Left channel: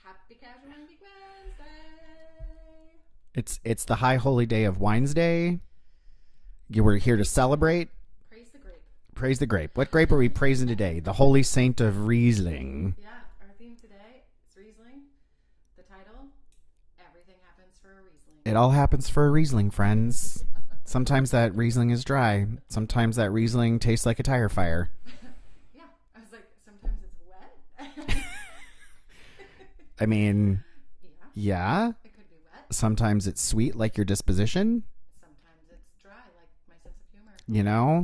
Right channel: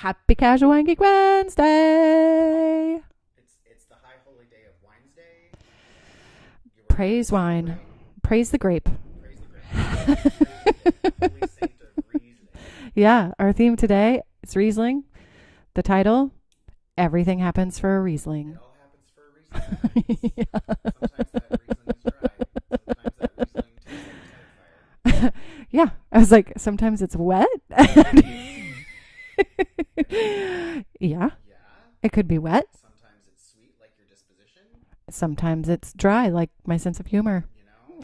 Happy Casual Wine Geek Wednesday. It's the high holy day of Wines Day. We're here to celebrate. Praise the grape. Praise the grape. What grape are we praising today? The holy saint of Riesling. Yeah, our theme today is Riesling. The title, Everything Happens for a Riesling. It all happens for a Riesling, friends. Yeah. Sometimes that Riesling is dry. Sometimes that Riesling tastes like a tire fire. Yeah, I was like, sometimes it's wet. I mean, yeah, it could be wet. Sometimes it's sweet like your disposition. Sometimes it's dry like my sense of humor. You know,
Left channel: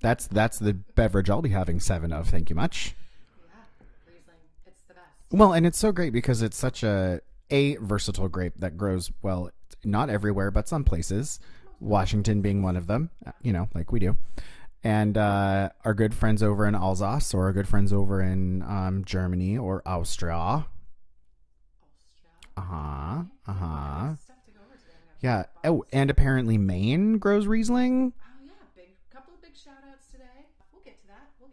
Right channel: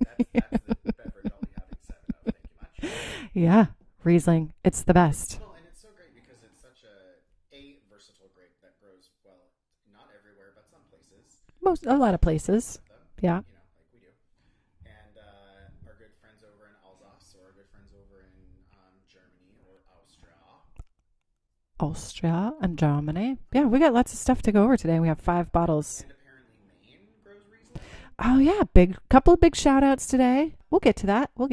that's the beverage I'll be having 7 of. Thank you much. Yeah, Riesling, it's the best. Well, and it's so great because it's such a versatile grape that grows well, not everywhere, but some places. Washington being one of them. Yeah, you know, like we do. And our good friends over in Alsace, or our good friends over in Germany or Austria and Germany. Yeah, we got lots of stuff to go over today. We have 5 bottles. Oh, and apparently Maine grows Riesling. Oh, yeah. Couple of big shout outs today. We'll get to that. Do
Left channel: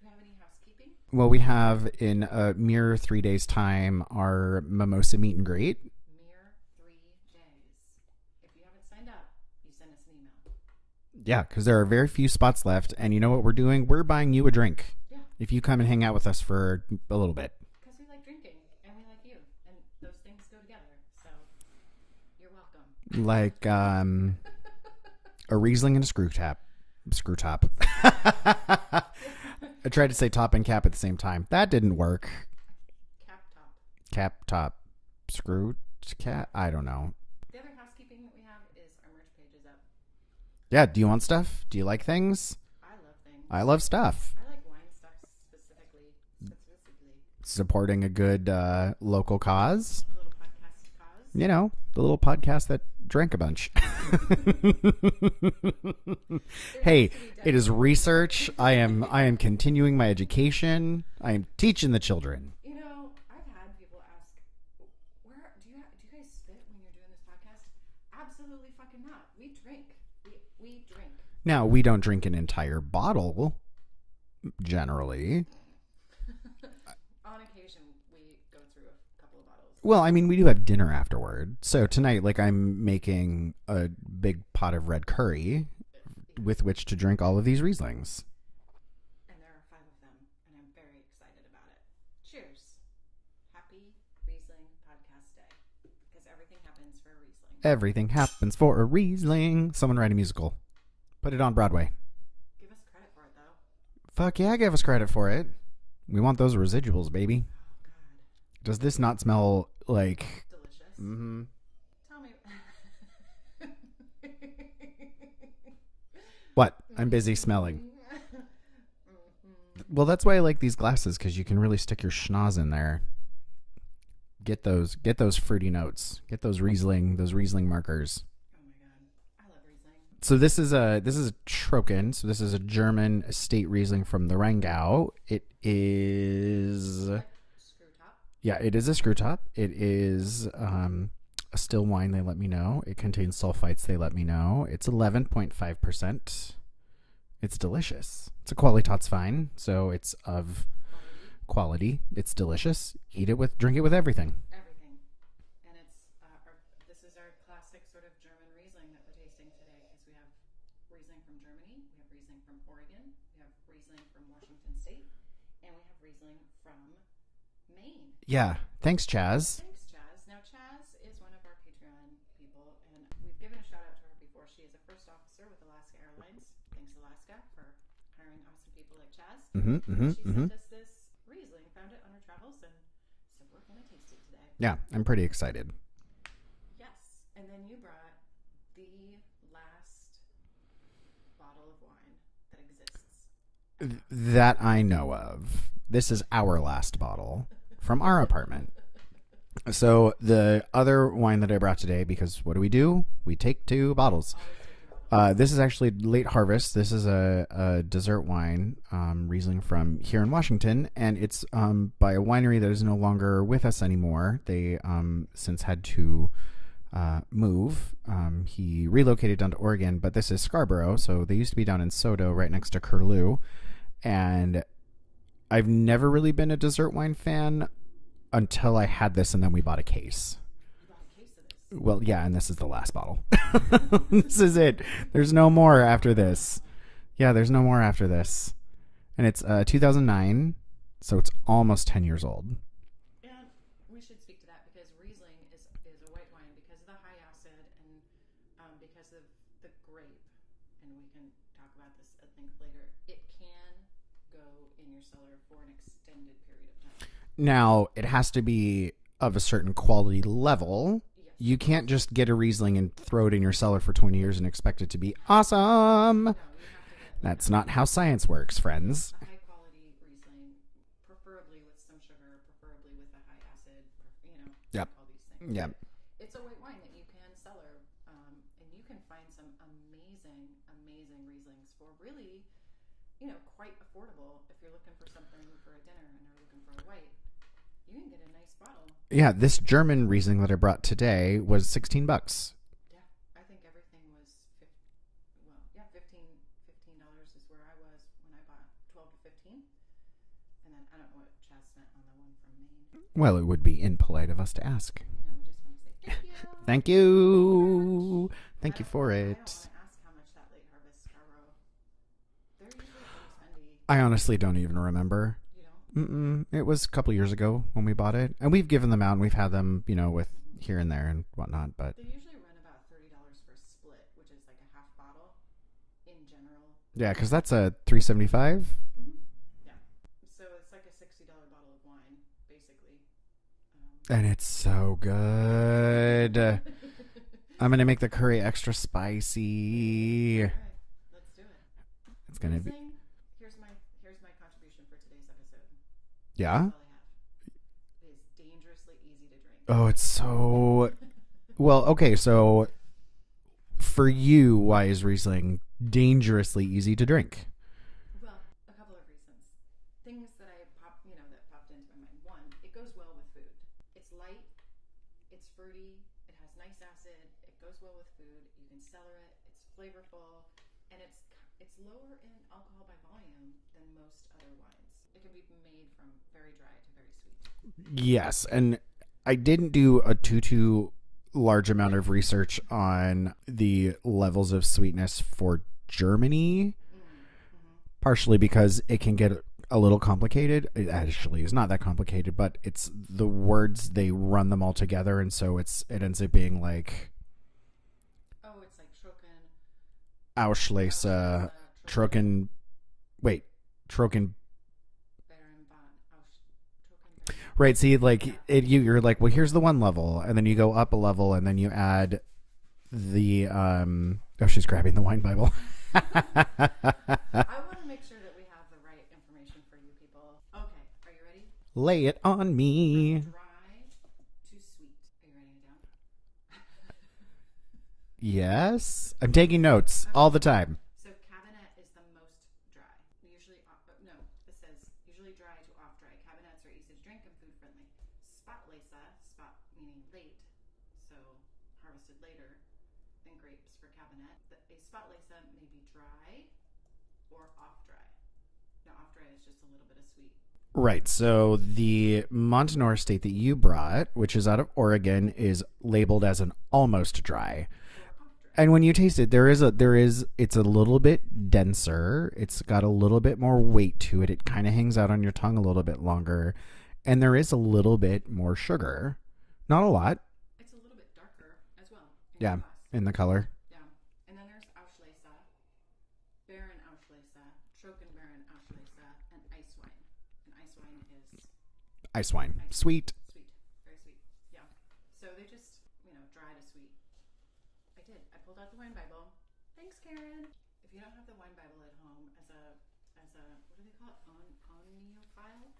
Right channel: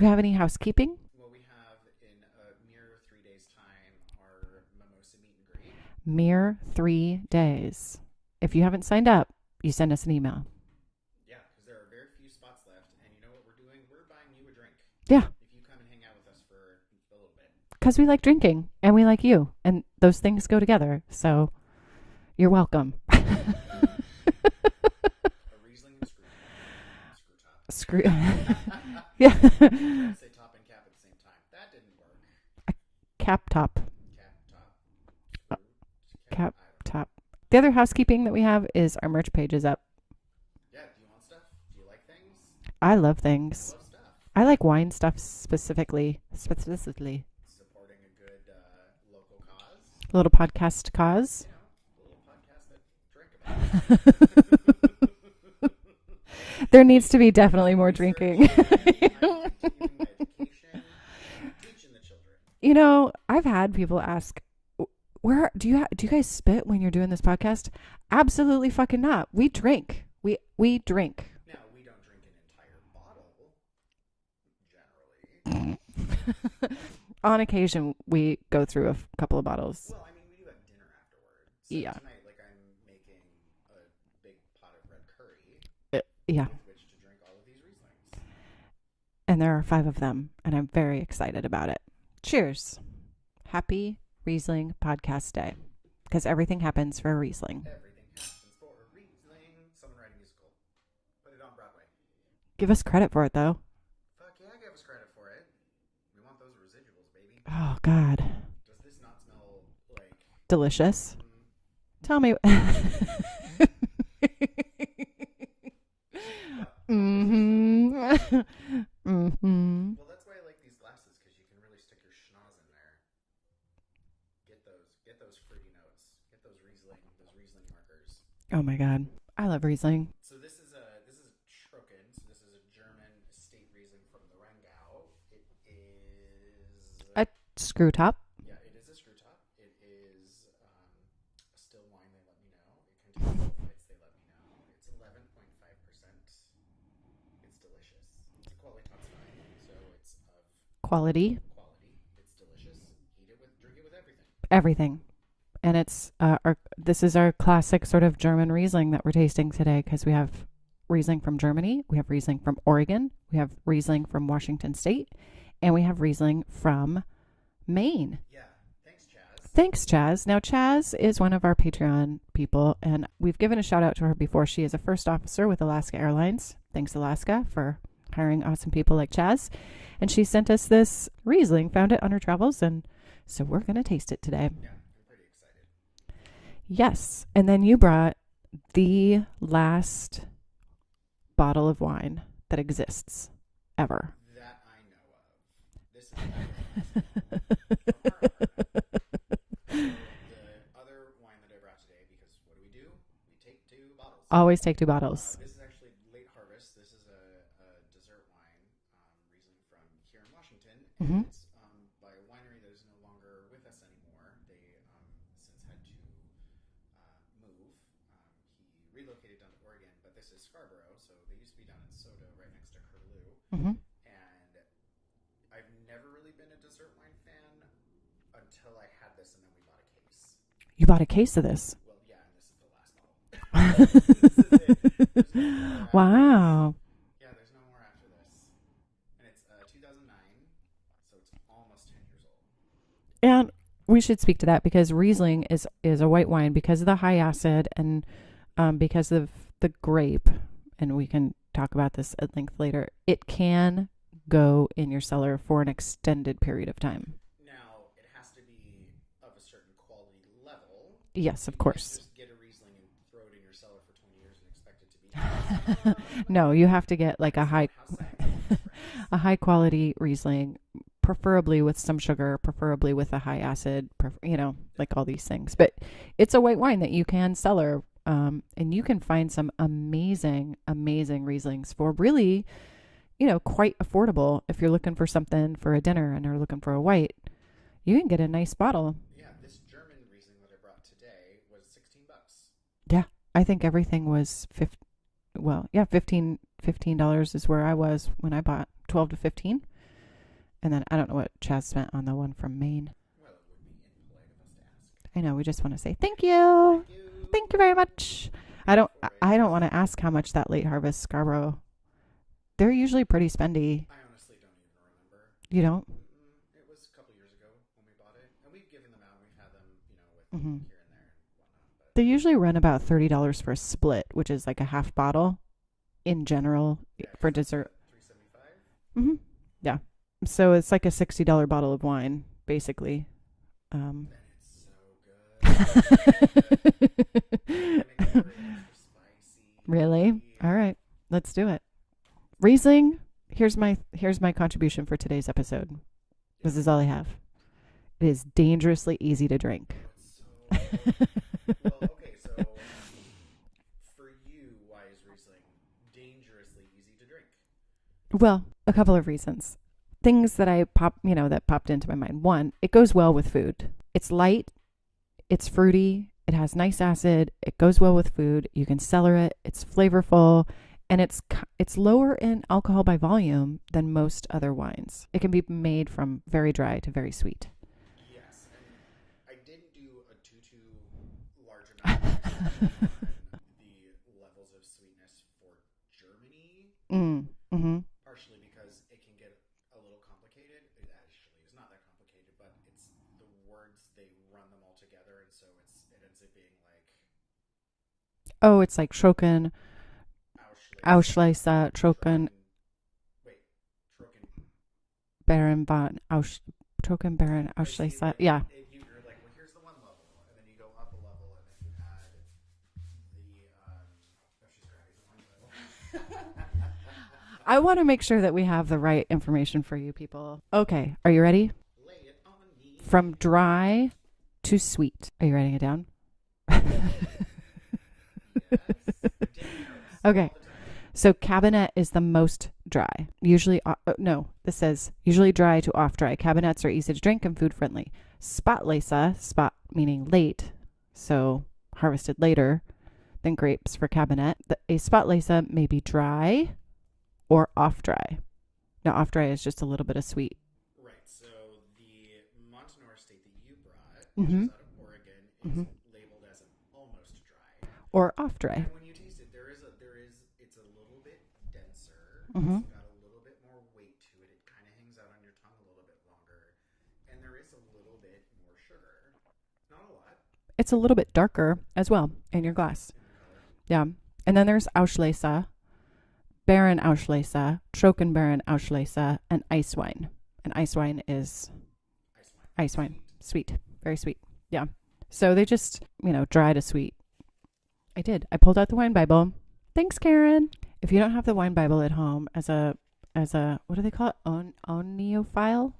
we have any housekeeping? Well, we have in a mere 3 days' time our mimosa meet and greet. Mere 3 days. If you haven't signed up, you send us an email. Yeah, because there are very few spots left. And you know what we're doing? We're buying you a drink. Yeah. If you come and hang out with us for a little bit. Because we like drinking and we like you. And those things go together. So you're welcome. Like a Riesling and a screw top. Yeah. I tried to say top and cap at the same time. That didn't work. A cap top. Screw cap? I don't know. Top. The other housekeeping that we have is our merch page is up. Yeah. Do you want stuff? Do you like things? I love things. I love stuff. I like wine stuff specifically. Supporting a good local cause. A little podcast cause. You know, the little podcast that drank a bunch. There needs to be definitely more research. drinking. I am continuing my education. I am teaching the children. You know, I've had people ask, "Where do you guys spit when you're doing this podcast?" Absolutely fucking not. We drink. We drink. Now, we don't drink an entire bottle, generally. On occasion, we go through a couple of bottles. Well, I mean, we do have dinner afterward. So yeah. Tonight, like, I'm making a big pot of red curry with which to drink all of these Rieslings. And there are 5 of them, and I'm very excited about it. Cheers. Happy Riesling Podcast Day. Because everything happens for a Riesling. Everything happens for a Riesling. Someone write a musical. Put it on Broadway. Give us credit for it, though. Fuck yeah, give us credit for it. We want those residuals, baby. Oh, God. Does this not smell like... delicious? Mm-hmm. Tell me... What? I'm busy smelling. Mm-hmm. Well, that's why I like these glasses, because you can really stick your schnoz in there. Get those fruity notes. Get those Riesling markers. Oh my God. I love Riesling. So this is a Trocken. So this is a German estate Riesling from the Rheingau. It is a screw top. Yeah, it is a screw top. It is a still wine, they let me know. It contains sulfites, they let me know. It's 11.5%. It's delicious. It's a Qualitätswein, so it's of quality. It's delicious. Drink it with everything. Everything. And it's this is our classic sort of German Riesling that we're tasting today, because we have Riesling from Germany, we have Riesling from Oregon, we have Riesling from Washington State, and we have Riesling from Maine. Yeah. Thanks, Chaz. Now, Chaz is one of our Patreon people, and we've given a shout out to her before. She is a first officer with Alaska Airlines. Thanks, Alaska, for hiring awesome people like Chaz. And she sent us this Riesling, found it on her travels, and so we're going to taste it today. Yeah, I'm pretty excited. Yes. And then you brought the last bottle of wine that exists ever. That I know of. This is our last bottle from our apartment. So the other wine that I brought today, because what do? We take 2 bottles. Always take 2 bottles. This is actually late harvest. This is a dessert wine, Riesling from here in Washington, and it's by a winery that is no longer with us anymore. They since had to move. He relocated down to Oregon, but this is Scarborough, so they used to be down in Sodo, right next to Curlew, and I've never really been a dessert wine fan until I had this, and then we bought a case. You bought a case of this? Well, yeah, and this is the last bottle. This is it. There's no more after this. Yeah, there's no more after this. And it's 2009, so it's almost 10 years old. And we should speak to that because Riesling is a white wine because of the high acid and because of the grape. And we can talk about this at length later. It can go in your cellar for an extended period of time. Now, it has to be of a certain quality level. Yes, you of course. can't just get a Riesling and throw it in your cellar for 20 years and expect it to be awesome. No, you have to get like That's not how science works, friends. A high quality Riesling, preferably with some sugar, preferably with a high acid, like all these things. Yep. But it's a white wine that you can cellar, and you can find some amazing, amazing Rieslings for really, quite affordable. If you're looking for something for a dinner and are looking for a white, you can get a nice bottle. Yeah, this German Riesling that I brought today was $16. Yeah, I think everything was $15 is where I was when I bought 12 to 15. And then I don't know what Chaz spent on the one from Maine. Well, it would be impolite of us to ask. I know. We just want to say thank you. Thank you. Thank you very much. I don't want to ask how much that late harvest Scarborough. They're usually pretty spendy. I honestly don't even remember. You don't? It was a couple years ago when we bought it. And we've given them out and we've had them, with here and there and whatnot. But they usually run about $30 for a split, which is like a half bottle in general. Yeah, because that's a $3.75. Mm-hmm. Yeah. So it's like a $60 bottle of wine, basically. And it's so good. I'm going to make the curry extra spicy. Really? All right. Let's do it. Riesling, here's my contribution for today's episode. Yeah. This is all I have. It is dangerously easy to drink. Oh, it's so... Well, okay, so for you, why is Riesling dangerously easy to drink? Well, a couple of reasons. Things that that popped into my mind. One, it goes well with food. It's light, it's fruity, it has nice acid, it goes well with food. You can cellar it, it's flavorful. And it's lower in alcohol by volume than most other wines. It can be made from very dry to very sweet. Yes, and I didn't do a too large amount of research on the levels of sweetness for Germany, partially because it can get a little complicated. It actually is not that complicated, but it's the words, they run them all together, and so it ends up being like... Oh, it's like Trocken... Auslese, Trocken. Baron von Trocken Baron. Right. See, like, yeah. You're like, well, here's the one level, and then you go up a level, and then you add the Oh, she's grabbing the wine Bible. I want to make sure that we have the right information for you people. Okay, are you ready? Lay it on me. From dry to sweet. Are you writing it down? Yes. I'm taking notes all the time. So Cabernet is the most dry. Usually, this says usually dry to off dry. Cabernets are easy to drink and food friendly. Spätlese, spot meaning late, so harvested later than grapes for Cabernet. A Spätlese may be dry or off dry. Now off dry is just a little bit of sweet. Right. So the Montanore estate that you brought, which is out of Oregon, is labeled as an almost dry. Or off dry. And when you taste it, it's a little bit denser. It's got a little bit more weight to it. It kind of hangs out on your tongue a little bit longer. And there is a little bit more sugar. Not a lot. It's a little bit darker as well in your glass. In the color. Yeah. And then there's Auslese, Baron Auslese, Trocken Baron Auslese, and ice wine. And ice wine is... Ice wine. Sweet. Sweet. Very sweet. Yeah. So they just, dry to sweet. I pulled out the wine Bible. Thanks, Karen. If you don't have the wine Bible at home as a what do they call it? Oneophile?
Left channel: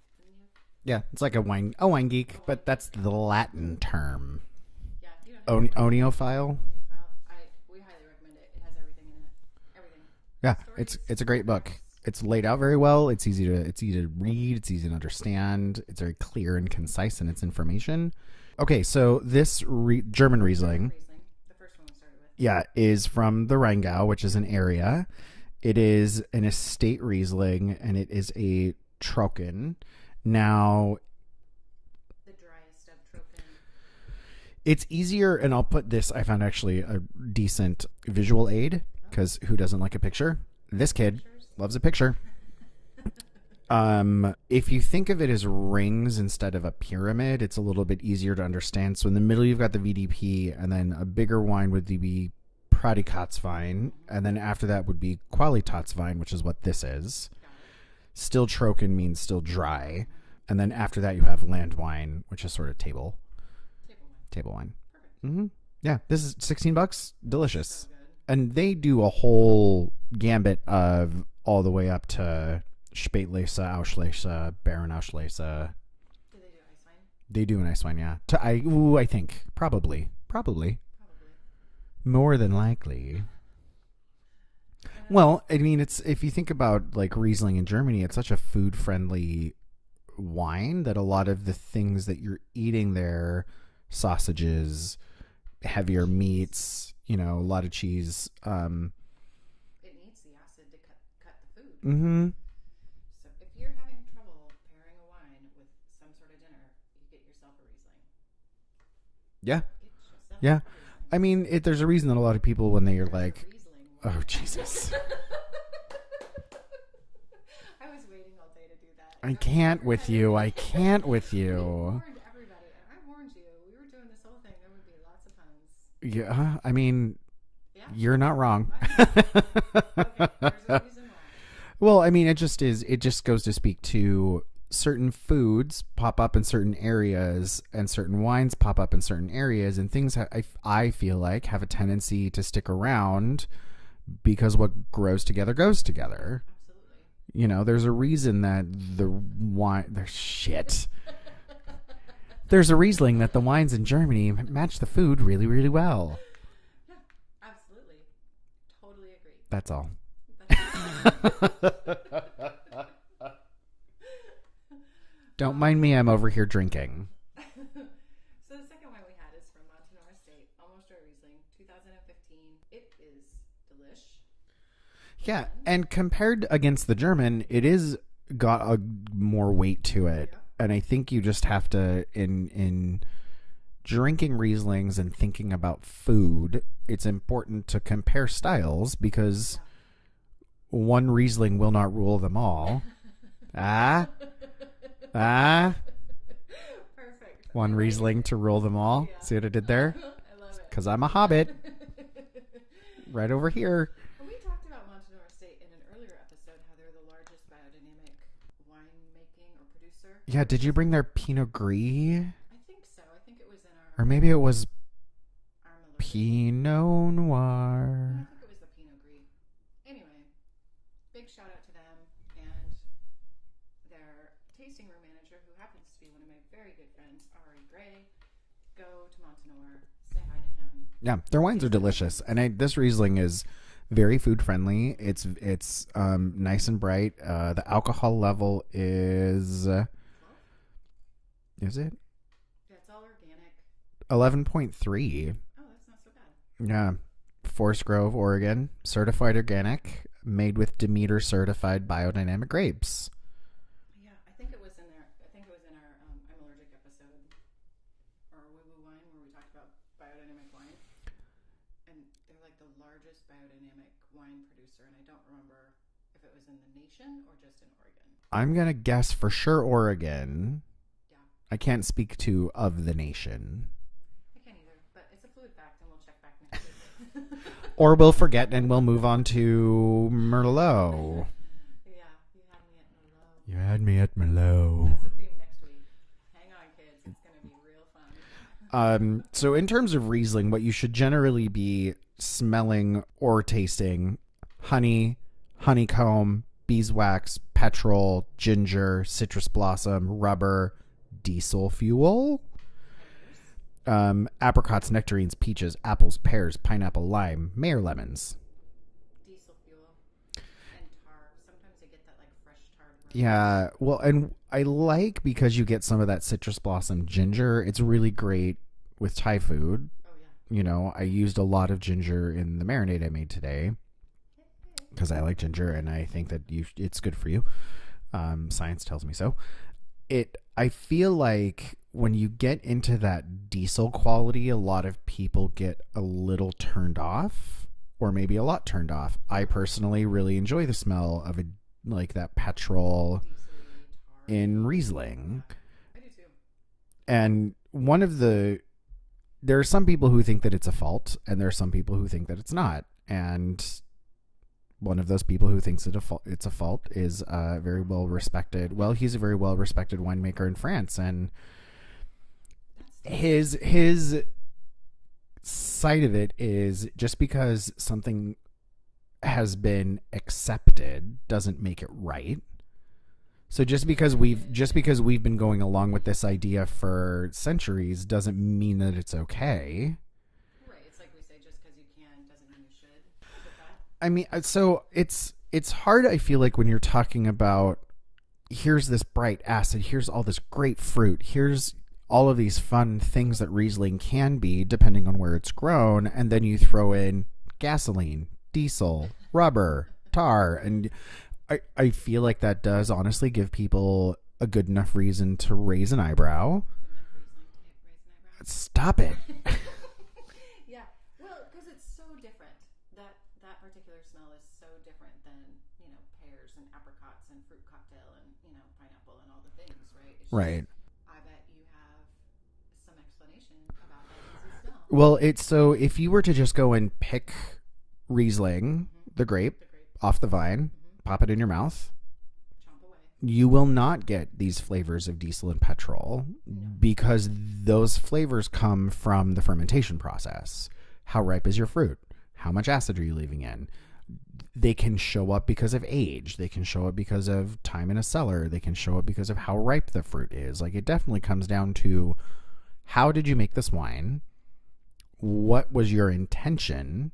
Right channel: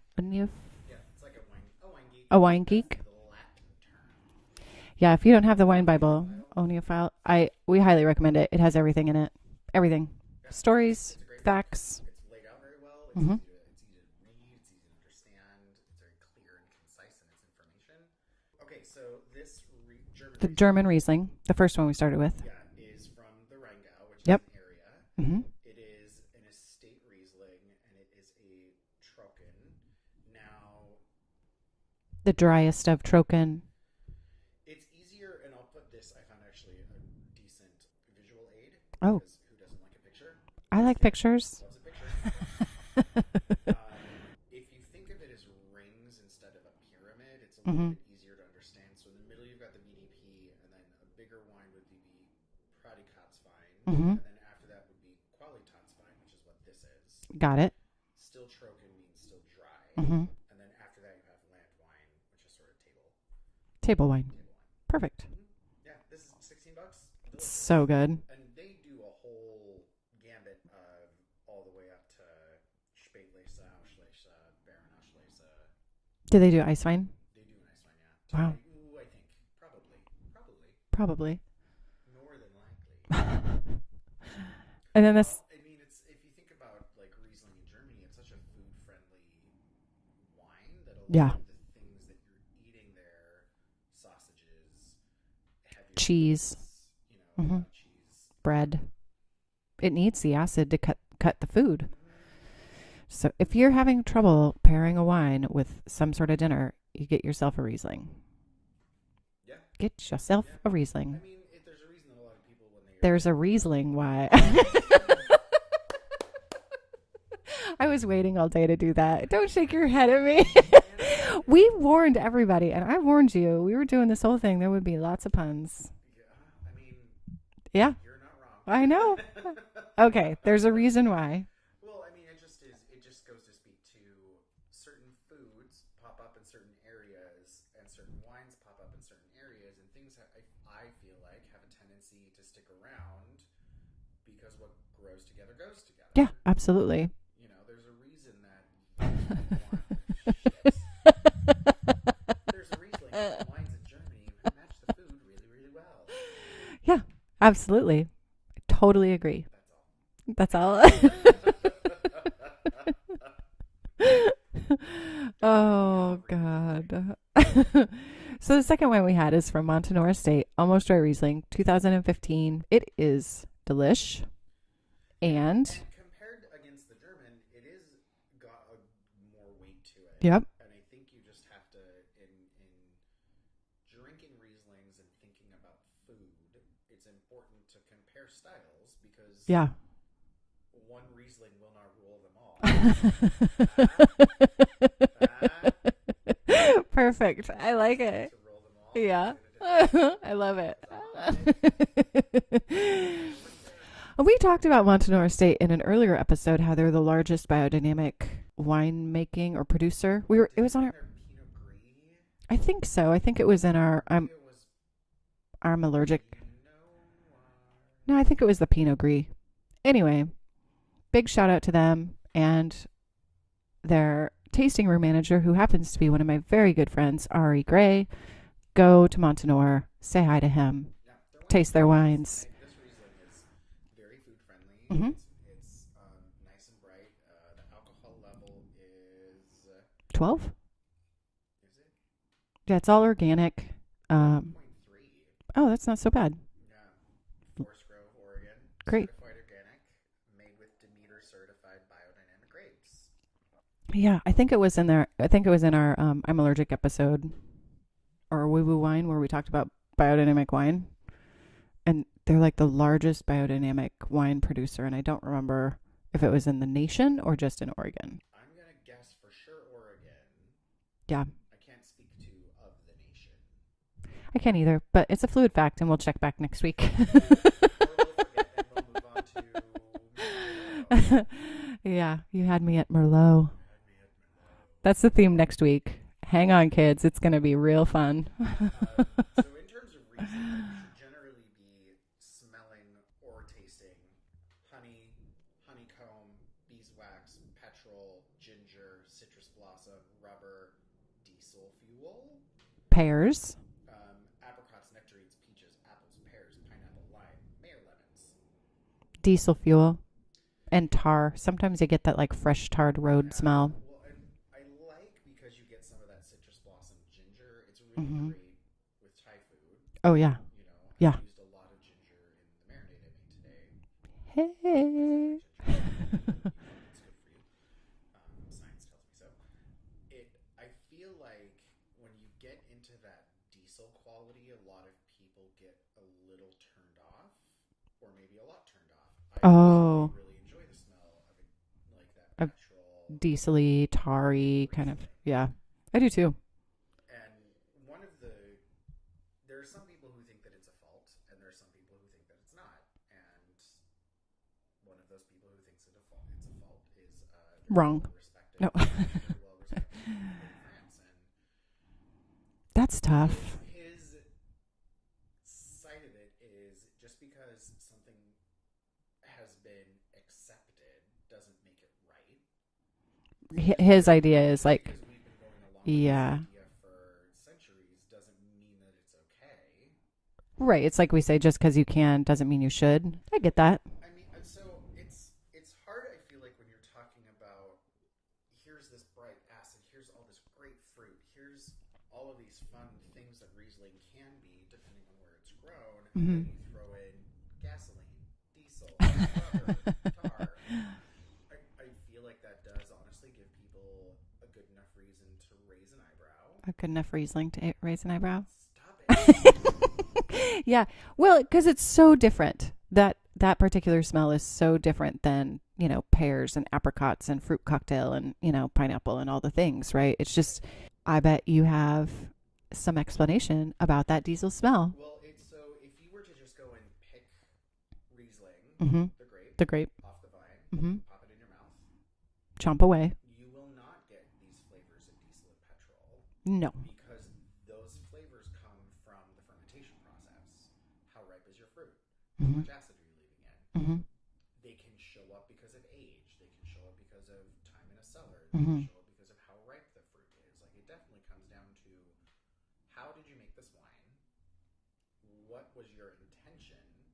Yeah, it's like a wine geek. A wine geek. That's the Latin term. Yeah, if you don't have the wine Bible. Oneophile. We highly recommend it. It has everything in it. Everything. Yeah. Stories. It's a great facts. book. It's laid out very well. It's easy to read. It's easy to understand. It's very clear and concise in its information. Okay, so this German Riesling, the first one we started with, is from the Rheingau, which is an area. It is an estate Riesling, and it is a Trocken. Now, The driest of Trocken. It's easier, and I'll put this, I found actually a decent visual aid, because who doesn't like a picture? This like kid pictures. loves a picture. If you think of it as rings instead of a pyramid, it's a little bit easier to understand. So in the middle, you've got the VDP, and then a bigger wine would be Prädikatswein, and then after that would be Qualitätswein, which is what this is. Got it. Still Trocken means still dry. And then after that, you have land wine, which is sort of table wine. Perfect. Yeah, this is $16. Delicious. So good. And they do a whole gambit of all the way up to Spätlese, Auslese, Baron Auslese. Do they do ice wine? They do an ice wine, yeah. I think. Probably. More than likely. And then I mean, it's, if you think about like Riesling in Germany, it's such a food-friendly wine that a lot of the things that you're eating there, sausages, heavier meats, a lot of cheese, bread. It needs the acid to cut the food. So if you're having trouble pairing a wine with some sort of dinner, you get yourself a Riesling. Yeah. Get yourself a Riesling. I mean, there's a reason that a lot of people, when there's a Riesling why. Oh, Jesus. I was waiting all day to do that. Don't shake your with head at you. me. I can't with you. We warned everybody, and I warned you. We were doing this whole thing. There would be lots of puns. Yeah, I mean, yeah, you're not wrong. I know. Okay, there's a reason why. Well, I mean, it just goes to speak to certain foods pop up in certain areas, and certain wines pop up in certain areas, and things I feel like have a tendency to stick around because what grows together goes together. Yeah, absolutely. There's a reason that the wine... There's shit. There's a Riesling that the wines in Germany match the food really, really well. Yeah, absolutely. I totally agree. That's all. Don't mind me. I'm over here drinking. So the second wine we had is from Montanore Estate, Almost Dry Riesling, 2015. It is delish. Yeah, and compared against the German, it is got a more weight to it. Yep. And I think you just have to, in drinking Rieslings and thinking about food, it's important to compare styles, because one Riesling will not rule them all. Perfect. One I like Riesling it. to rule them all. Yeah. See what I did there? I love it. Because I'm a hobbit. Right over here. We talked about Montanore Estate in an earlier episode, how they're the largest biodynamic winemaking or producer. Did you bring their Pinot Gris? I think so. I think it was in our... Or maybe it was... Our allergic... Pinot Noir. No, I think it was the Pinot Gris. Anyway, big shout out to them and their tasting room manager, who happens to be one of my very good friends, Ari Gray. Go to Montanore, say hi to him. Yeah, their wines are delicious. And this Riesling is very food friendly. It's nice and bright. The alcohol level is 12. Is it? Yeah, it's all organic. 11.3. Oh, that's not so bad. Yeah, Forest Grove, Oregon, Great. Certified organic, made with Demeter certified biodynamic grapes. Yeah, I think it was in there. I think it was in our I'm Allergic episode, or Woo Woo Wine, where we talked about biodynamic wine. And they're like the largest biodynamic wine producer. And I don't remember if it was in the nation or just in Oregon. I'm going to guess for sure Oregon. Yeah. I can't speak to of the nation. I can't either, but it's a fluid fact, and we'll check back next week. Or we'll forget and we'll move on to Merlot. Yeah, you had me at Merlot. You had me at Merlot. That's the theme next week. Hang on, kids. It's going to be real fun. So in terms of Riesling, what you should generally be smelling or tasting: honey, honeycomb, beeswax, petrol, ginger, citrus blossom, rubber, diesel fuel, Pears. Apricots, nectarines, peaches, apples, pears, pineapple, lime, Mayer lemons. Diesel fuel. And tar. Sometimes you get that like fresh tarred road smell. Well, and I like, because you get some of that citrus blossom ginger. It's really great with Thai food. Oh, yeah. I used a lot of ginger in the marinade I made today. Because I like ginger, and I think that it's good for you. Science tells me so. I feel like when you get into that diesel quality, a lot of people get a little turned off, or maybe a lot turned off. I personally really enjoy the smell of that petrol, diesel-y, tarry in Riesling. Kind of, yeah, I do too. And there are some people who think that it's a fault, and there are some people who think that it's not. And one of those people who thinks it's a fault is very well respected. No. Well, he's a very well respected winemaker in France, and that's tough. His side of it is just because something has been accepted doesn't make it right. So because we've been going along with this idea for centuries doesn't mean that it's okay. Right. It's like we say, just because you can doesn't mean you should. I get that. I mean, so it's hard, I feel like, when you're talking about, here's this bright acid, here's all this grapefruit, here's all of these fun things that Riesling can be, depending on where it's grown, and then you throw in gasoline, diesel, rubber, tar, and I feel like that does honestly give people a good enough reason to raise an eyebrow. A good enough Riesling to raise an eyebrow? Stop it. Yeah. Well, because it's so different. That particular smell is so different than, pears and apricots and fruit cocktail and, pineapple and all the things, right? It's just, I bet you have some explanation about that diesel smell. Well, so if you were to just go and pick Riesling, the grape off the vine, pop it in your mouth, chomp away, you will not get these flavors of diesel and petrol. No. Because those flavors come from the fermentation process. How ripe is your fruit? How much acid are you leaving in? They can show up because of age. They can show up because of time in a cellar. They can show up because of how ripe the fruit is. Like, it definitely comes down to, how did you make this wine? What was your intention?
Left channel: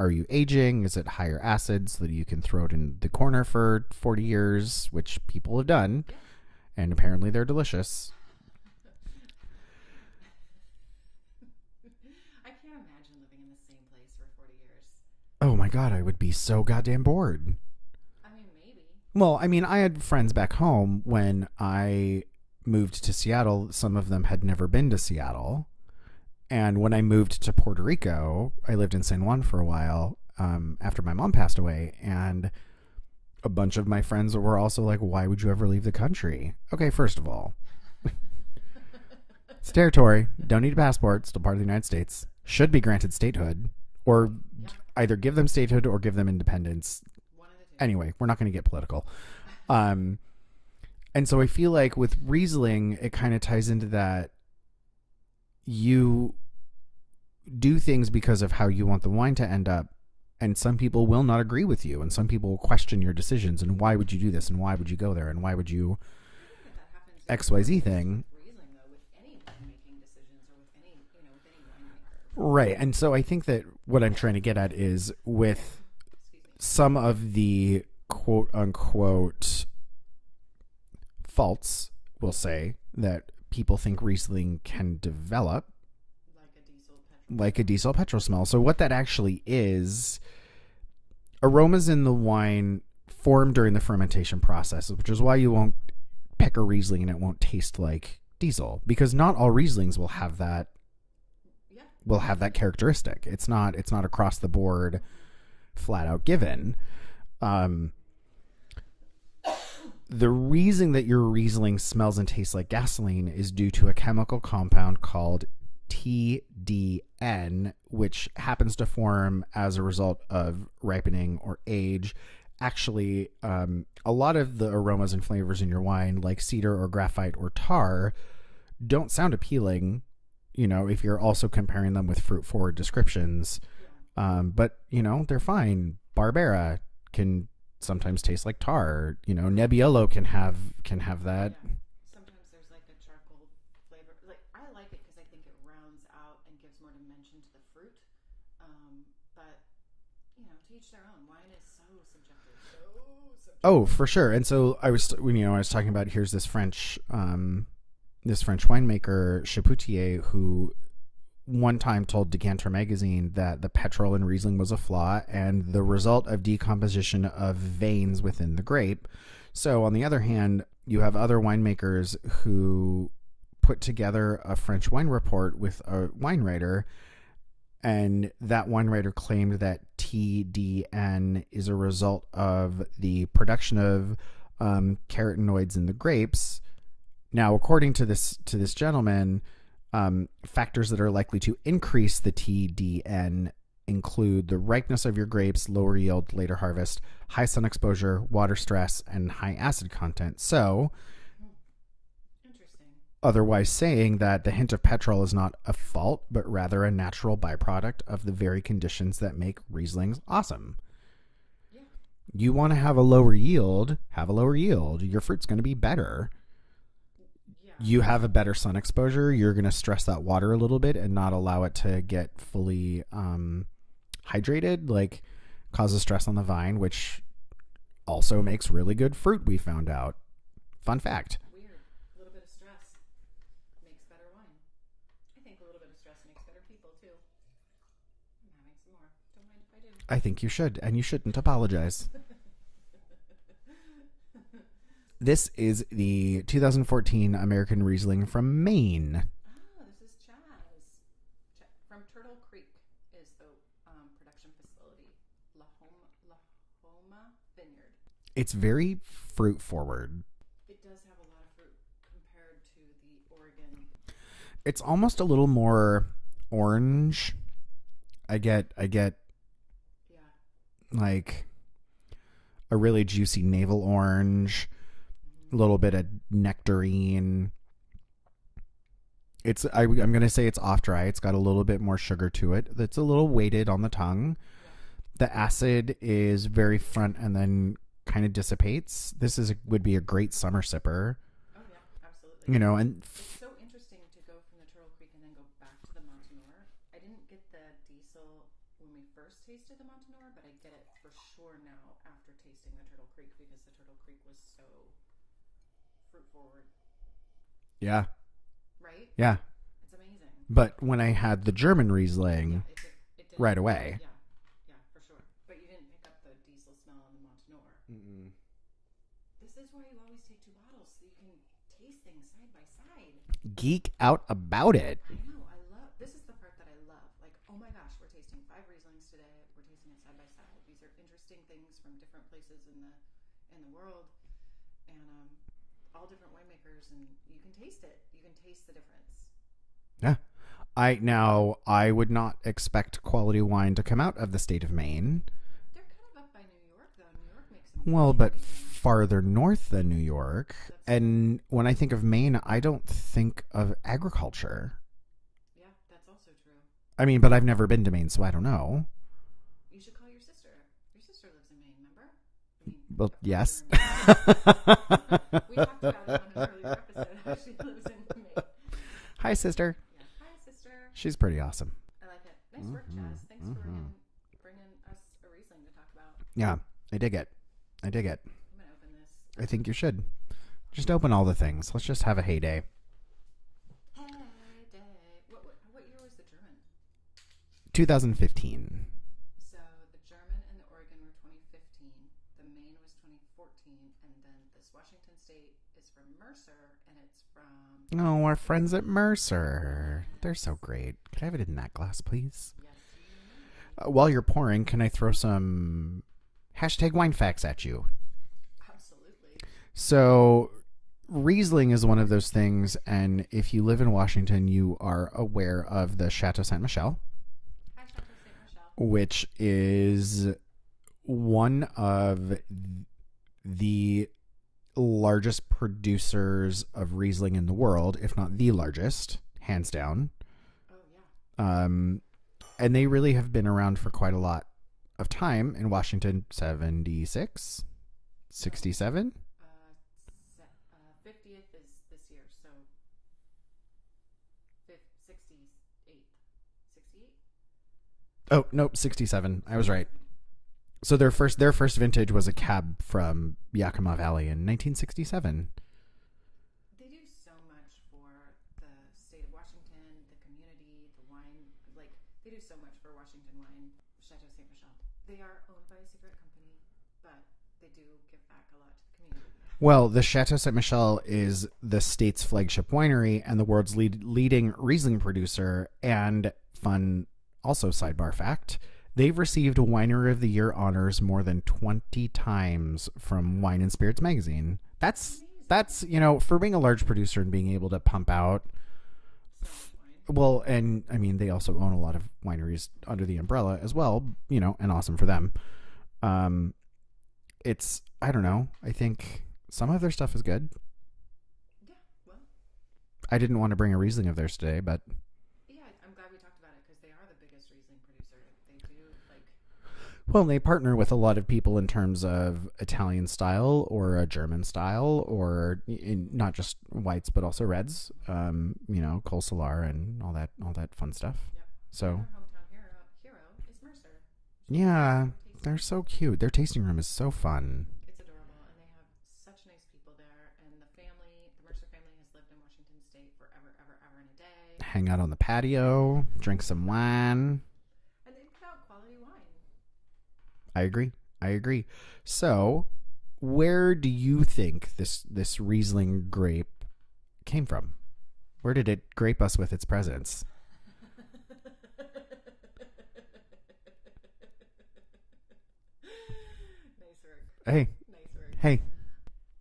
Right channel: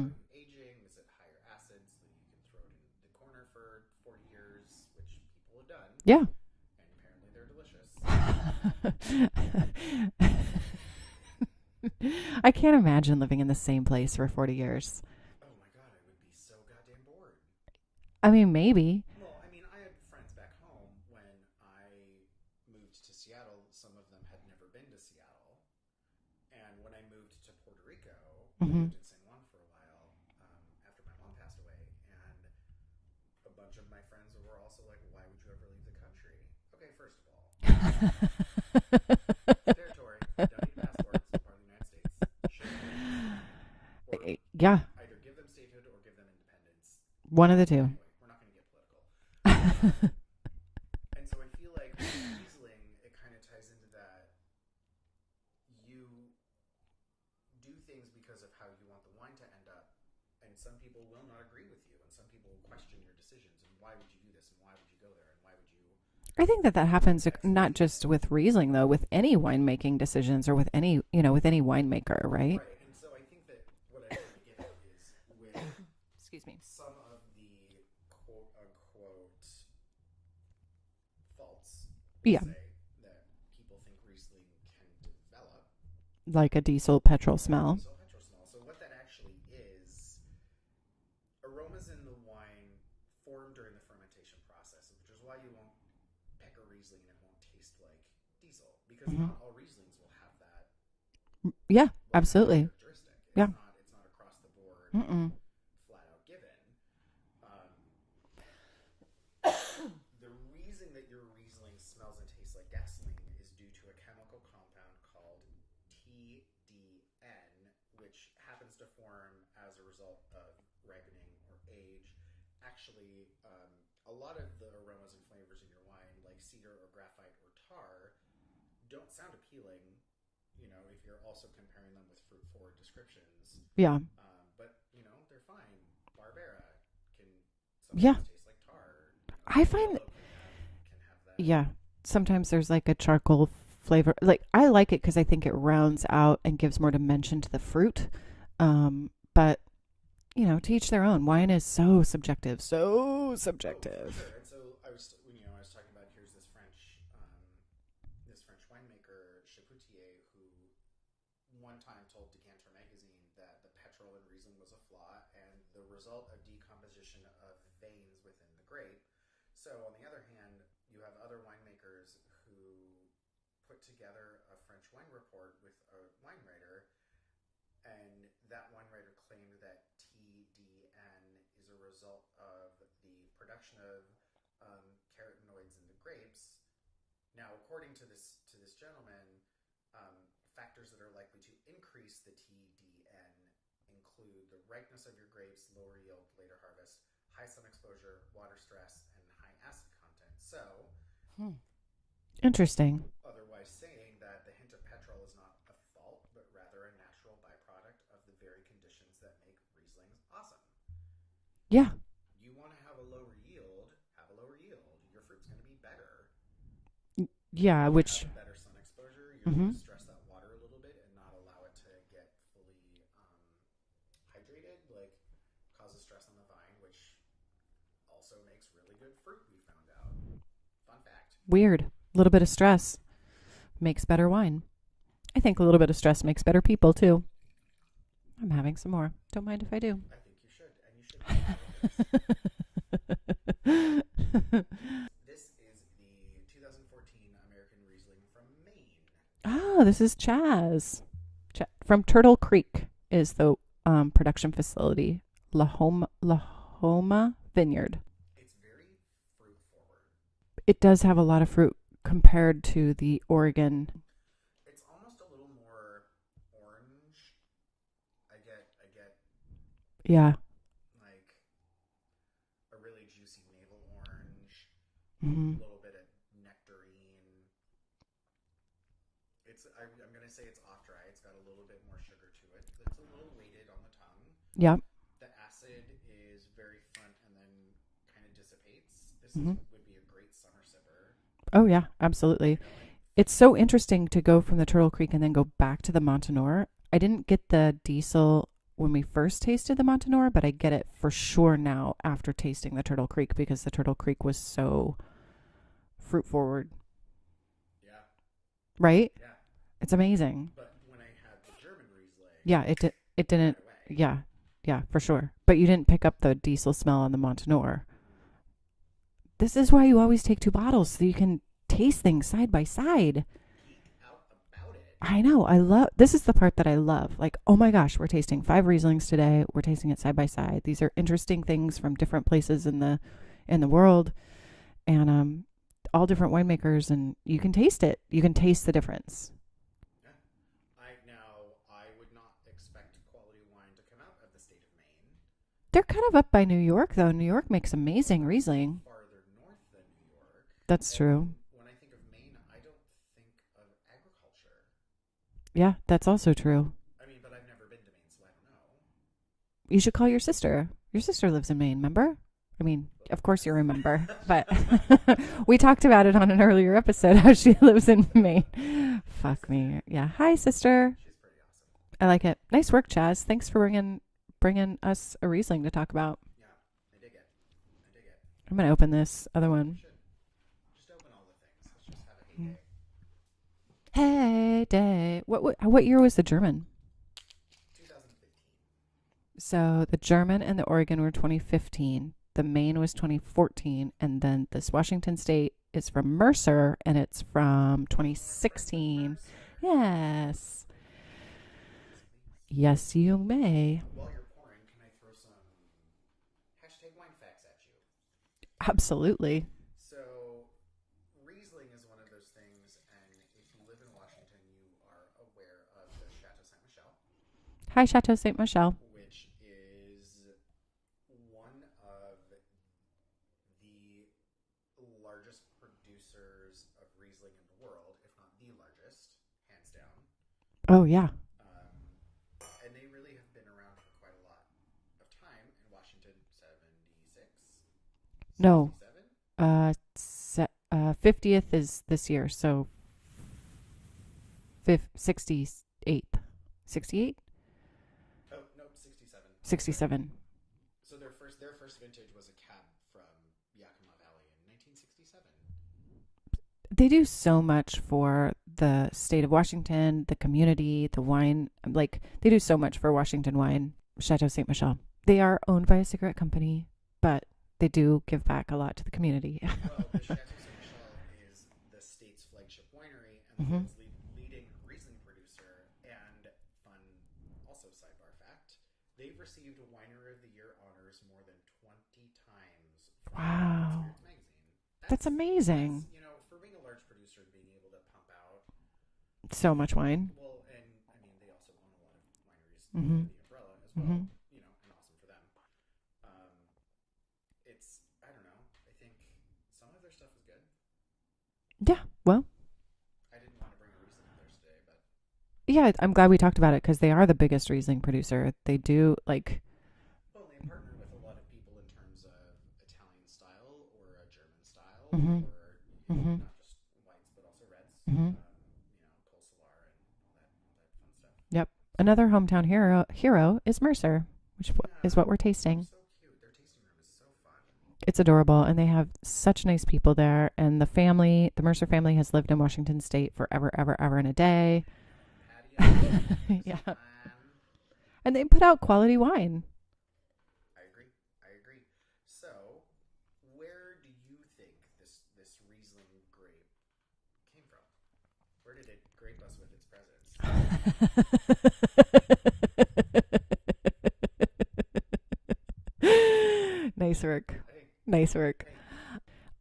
Are you aging? Is it higher acid so that you can throw it in the corner for 40 years, which people have done? Yeah. And apparently they're delicious. I can't imagine living in the same place for 40 years. Oh my God, I would be so goddamn bored. I mean, maybe. Well, I mean, I had friends back home when I moved to Seattle. Some of them had never been to Seattle. And when I moved to Puerto Rico, I lived in San Juan for a while after my mom passed away. And a bunch of my friends were also like, why would you ever leave the country? Okay, first of all, it's territory. Don't need a passport. It's still part of the United States. Should be granted statehood. Or either give them statehood or give them independence. One of the two. Anyway, we're not going to get political. And so I feel like with Riesling, it kind of ties into that. You do things because of how you want the wine to end up, and some people will not agree with you, and some people will question your decisions, and why would you do this, and why would you go there, and why would you... I think that happens XYZ not just thing. With Riesling, though, with any winemaking decisions, or with any, with any winemaker, right? Right, and so I think that what I'm trying to get at is with some of the quote-unquote faults, we'll say, that people think Riesling can develop. Like a diesel petrol smell. Like a diesel petrol smell. So what that actually is, aromas in the wine form during the fermentation process, which is why you won't pick a Riesling and it won't taste like diesel, because not all Rieslings will have that. Yeah, will absolutely. have that characteristic. It's not across the board, flat out given. The reason that your Riesling smells and tastes like gasoline is due to a chemical compound called TDN, which happens to form as a result of ripening or age. Actually, a lot of the aromas and flavors in your wine, like cedar or graphite or tar, don't sound appealing, if you're also comparing them with fruit-forward descriptions. Yeah. But, they're fine. Barbera can sometimes taste like tar. Nebbiolo can have that. Yeah. Sometimes there's like a charcoal flavor. Like, I like it because I think it rounds out and gives more dimension to the fruit. But to each their own. Wine is so subjective. Oh, for sure. And so I was talking about, here's this French winemaker, Chapoutier, who one time told Decanter magazine that the petrol in Riesling was a flaw and the result of decomposition of veins within the grape. So on the other hand, you have other winemakers who put together a French wine report with a wine writer, and that wine writer claimed that TDN is a result of the production of carotenoids in the grapes. Now, according to this gentleman, factors that are likely to increase the TDN include the ripeness of your grapes, lower yield, later harvest, high sun exposure, water stress, and high acid content. So, interesting. Otherwise saying that the hint of petrol is not a fault, but rather a natural byproduct of the very conditions that make Rieslings awesome. Yeah. You want to have a lower yield, have a lower yield. Your fruit's going to be better. Yeah. You have a better sun exposure. You're going to stress that water a little bit and not allow it to get fully hydrated, like causes stress on the vine, which also makes really good fruit, we found out. Fun fact. Weird. A little bit of stress makes better wine. I think a little bit of stress makes better people too. I'm having some more. Don't mind if I do. I think you should, and you shouldn't apologize. This is the 2014 American Riesling from Maine. Oh, this is Chaz. From Turtle Creek is the production facility. La Homa Vineyard. It's very fruit forward. It does have a lot of fruit compared to the Oregon. It's almost a little more orange. I get yeah, like a really juicy navel orange, a little bit of nectarine. I'm going to say it's off dry. It's got a little bit more sugar to it. It's a little weighted on the tongue. Yeah. The acid is very front and then kind of dissipates. This would be a great summer sipper. Oh yeah, absolutely. You know, and it's so interesting to go from the Turtle Creek and then go back to the Montanore. I didn't get the diesel when we first tasted the Montanore, but I get it for sure now after tasting the Turtle Creek because the Turtle Creek was so fruit forward. Yeah. Right? Yeah. It's amazing. But when I had the German Riesling, yeah, it didn't right away. Yeah. Yeah, for sure. But you didn't pick up the diesel smell on the Montanore. Mm-hmm. This is why you always take 2 bottles so you can taste things side by side. Geek out about it. I know. This is the part that I love. Like, oh my gosh, we're tasting 5 Rieslings today. We're tasting it side by side. These are interesting things from different places in the world, and all different winemakers, and you can taste it. You can taste the difference. Yeah. I would not expect quality wine to come out of the state of Maine. They're kind of up by New York, though. New York makes amazing Riesling. Farther north than New York. That's true. And when I think of Maine, I don't think of agriculture. Yeah, that's also true. I mean, but I've never been to Maine, so I don't know. You should call your sister. Your sister lives in Maine, remember? I mean, well, of course yes. you remember. But we talked about it on an earlier episode, how she lives in Maine. Hi, sister. Yeah. Hi, sister. She's pretty awesome. I like it. Nice work, Chaz. Thanks for bringing us a Riesling to talk about. Yeah, I dig it. I'm going to open this other one. I think you should. Just open all the things. Let's just have a heyday. Heyday. What year was the German? 2015. So the German and the Oregon were 2015. The Maine was 2014. And then this Washington State is from Mercer, and it's from 2016. Oh, our friends at Mercer. Yes. They're so great. Can I have it in that glass, please? Yes, you may. While you're pouring, can I throw some #wine facts at you? Absolutely. So Riesling is one of those things, and if you live in Washington, you are aware of the Chateau Ste. Michelle. Hi, Chateau Ste. Michelle. Which is one of the largest producers of Riesling in the world, if not the largest, hands down. Oh, yeah. And they really have been around for quite a lot of time in Washington. 76? 67? No. 50th is this year, so 68. 68? Oh, nope, 67. 67. I was right. So their first vintage was a cab from Yakima Valley in 1967. They do so much for the state of Washington, the community, the wine. Like, they do so much for Washington wine. Chateau Ste. Michelle. They are owned by a cigarette company, but they do give back a lot to the community. Well, the Chateau Ste. Michelle is the state's flagship winery and the world's leading Riesling producer. And fun, also sidebar fact, they've received Winery of the Year honors more than 20 times from Wine and Spirits magazine. That's amazing. That's, you know, for being a large producer and being able to pump out so much wine. Well, and I mean, they also own a lot of wineries under the umbrella as well, you know, and awesome for them. It's, I don't know. I think some of their stuff is good. Yeah. Well, I didn't want to bring a Riesling of theirs today, but yeah, I'm glad we talked about it because they are the biggest Riesling producer. They do well, they partner with a lot of people in terms of Italian style or a German style or not just whites, but also reds, you know, Col Solar and all that fun stuff. Yep. So, another hometown hero is Mercer, which is what we're tasting. They're so cute. Their tasting room is so fun. It's adorable, and they have such nice people there. And the Mercer family has lived in Washington State forever, ever, ever and a day. Hang out on the patio, drink some wine. And they put out quality wine. I agree. So, where do you think this Riesling grape came from? Where did it grape us with its presence? Nice work. Hey. Nice work. Hey.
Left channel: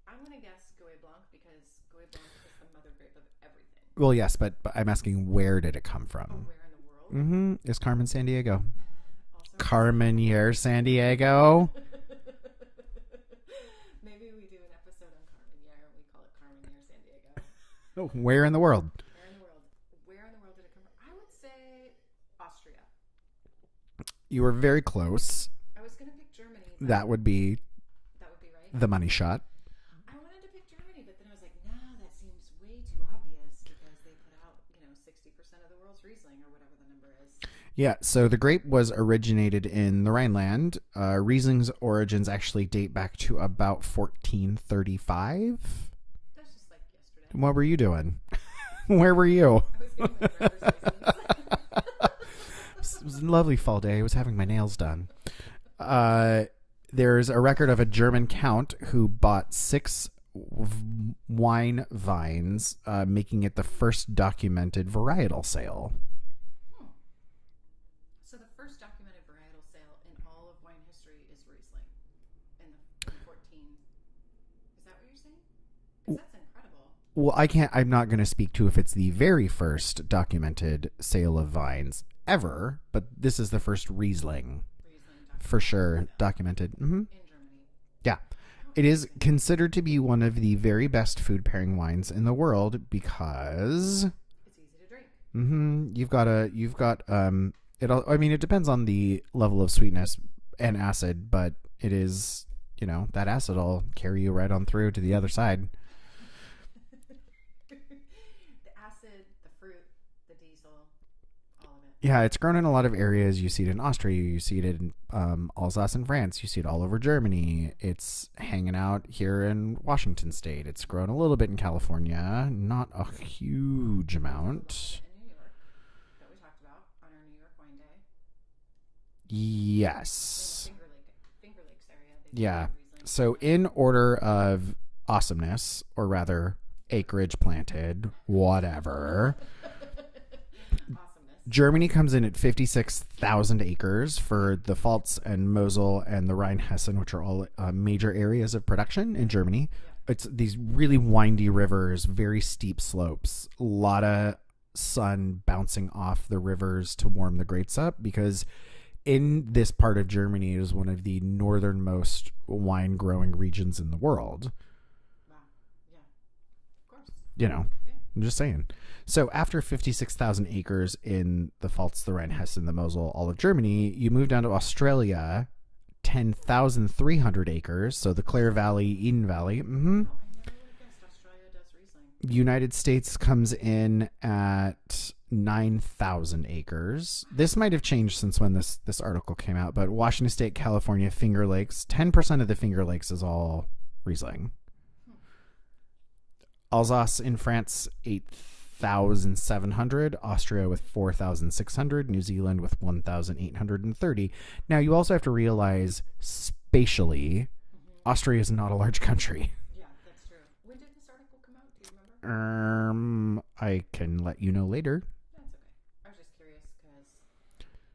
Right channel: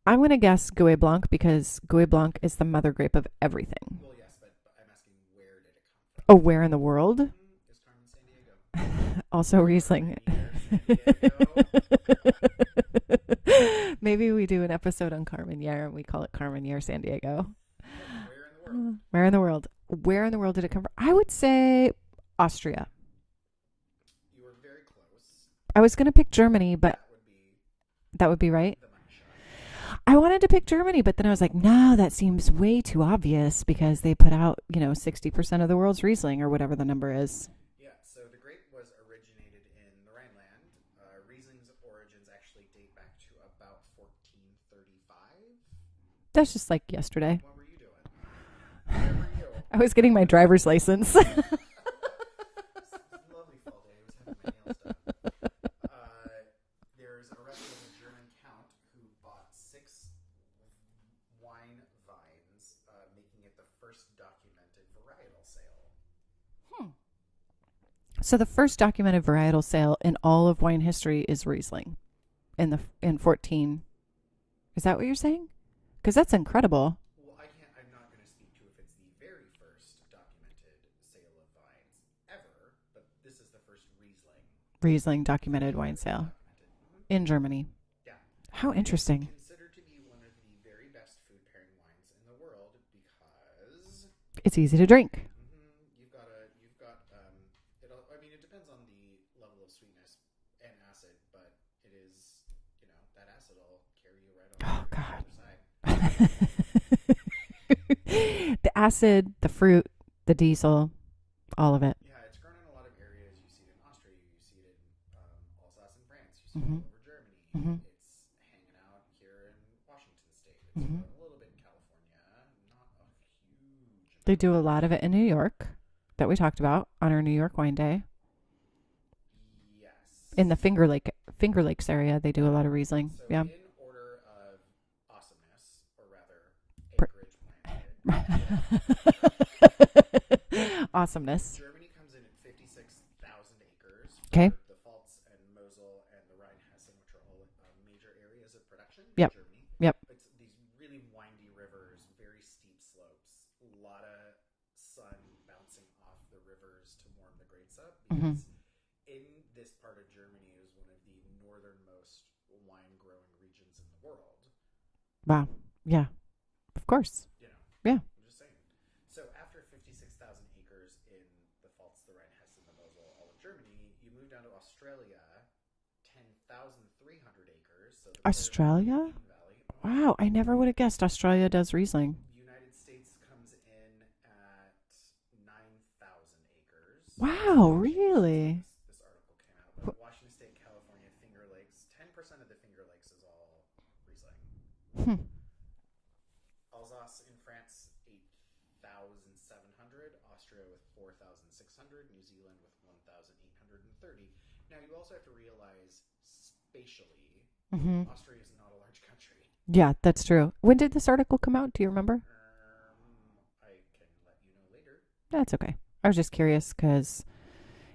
I'm going to guess Gouais Blanc because Gouais Blanc is the mother grape of everything. Well, yes, but I'm asking where did it come from? Oh, where in the world? Is Carmen San Diego. Also Carmen Yer San Diego. Maybe we do an episode on Carmen Yer and we call it Carmen Yer San Diego. Where in the world? Where in the world? Where in the world did it come from? I would say Austria. You were very close. I was going to pick Germany, but that would be right. The money shot. I wanted to pick Germany, but then I was like, no, that seems way too obvious because they put out, 60% of the world's Riesling or whatever the number is. Yeah, so the grape was originated in the Rhineland. Riesling's origins actually date back to about 1435. That's just like yesterday. What were you doing? Where were you? I was getting my driver's license. It was a lovely fall day. I was having my nails done. There's a record of a German count who bought 6 wine vines, making it the first documented varietal sale. So the first documented varietal sale in all of wine history is Riesling in 14. Is that what you're saying? Because that's incredible. Well, I'm not going to speak to if it's the very first documented sale of vines ever, but this is the first Riesling documented for sure wine sale. Documented in Germany. Yeah. How interesting. It is considered to be one of the very best food pairing wines in the world because it's easy to drink. You've got it depends on the level of sweetness and acid, but it is, that acid will carry you right on through to the other side. The acid, the fruit, the diesel, all of it. Yeah, it's grown in a lot of areas. You see it in Austria. You see it in Alsace in France. You see it all over Germany. It's hanging out here in Washington State. It's grown a little bit in California. Not a huge amount. They do a lot of it in New York that we talked about on our New York Wine Day. Yes. In the Finger Lakes area, they do a lot of Riesling. So in order of awesomeness, or rather acreage planted, whatever. Awesomeness. Germany comes in at 56,000 acres for the Pfalz and Mosel and the Rhine-Hessen, which are all major areas of production in Germany. Yep. It's these really windy rivers, very steep slopes, a lot of sun bouncing off the rivers to warm the grapes up because in this part of Germany is one of the northernmost wine growing regions in the world. Wow. Yeah. Of course. Yeah. I'm just saying. So after 56,000 acres in the Pfalz, the Rhine-Hessen, the Mosel, all of Germany, you move down to Australia, 10,300 acres. So the Clare Valley, Eden Valley. Wow. I never would have guessed Australia does Riesling. United States comes in at 9,000 acres. Wow, this might have changed since when this article came out, but Washington State, California, Finger Lakes, 10% of the Finger Lakes is all Riesling. Alsace in France, 8,700. Austria with 4,600. New Zealand with 1,830. Now, you also have to realize spatially, Austria is not a large country. Yeah, that's true. When did this article come out? Do you remember? I can let you know later. That's okay. I was just curious because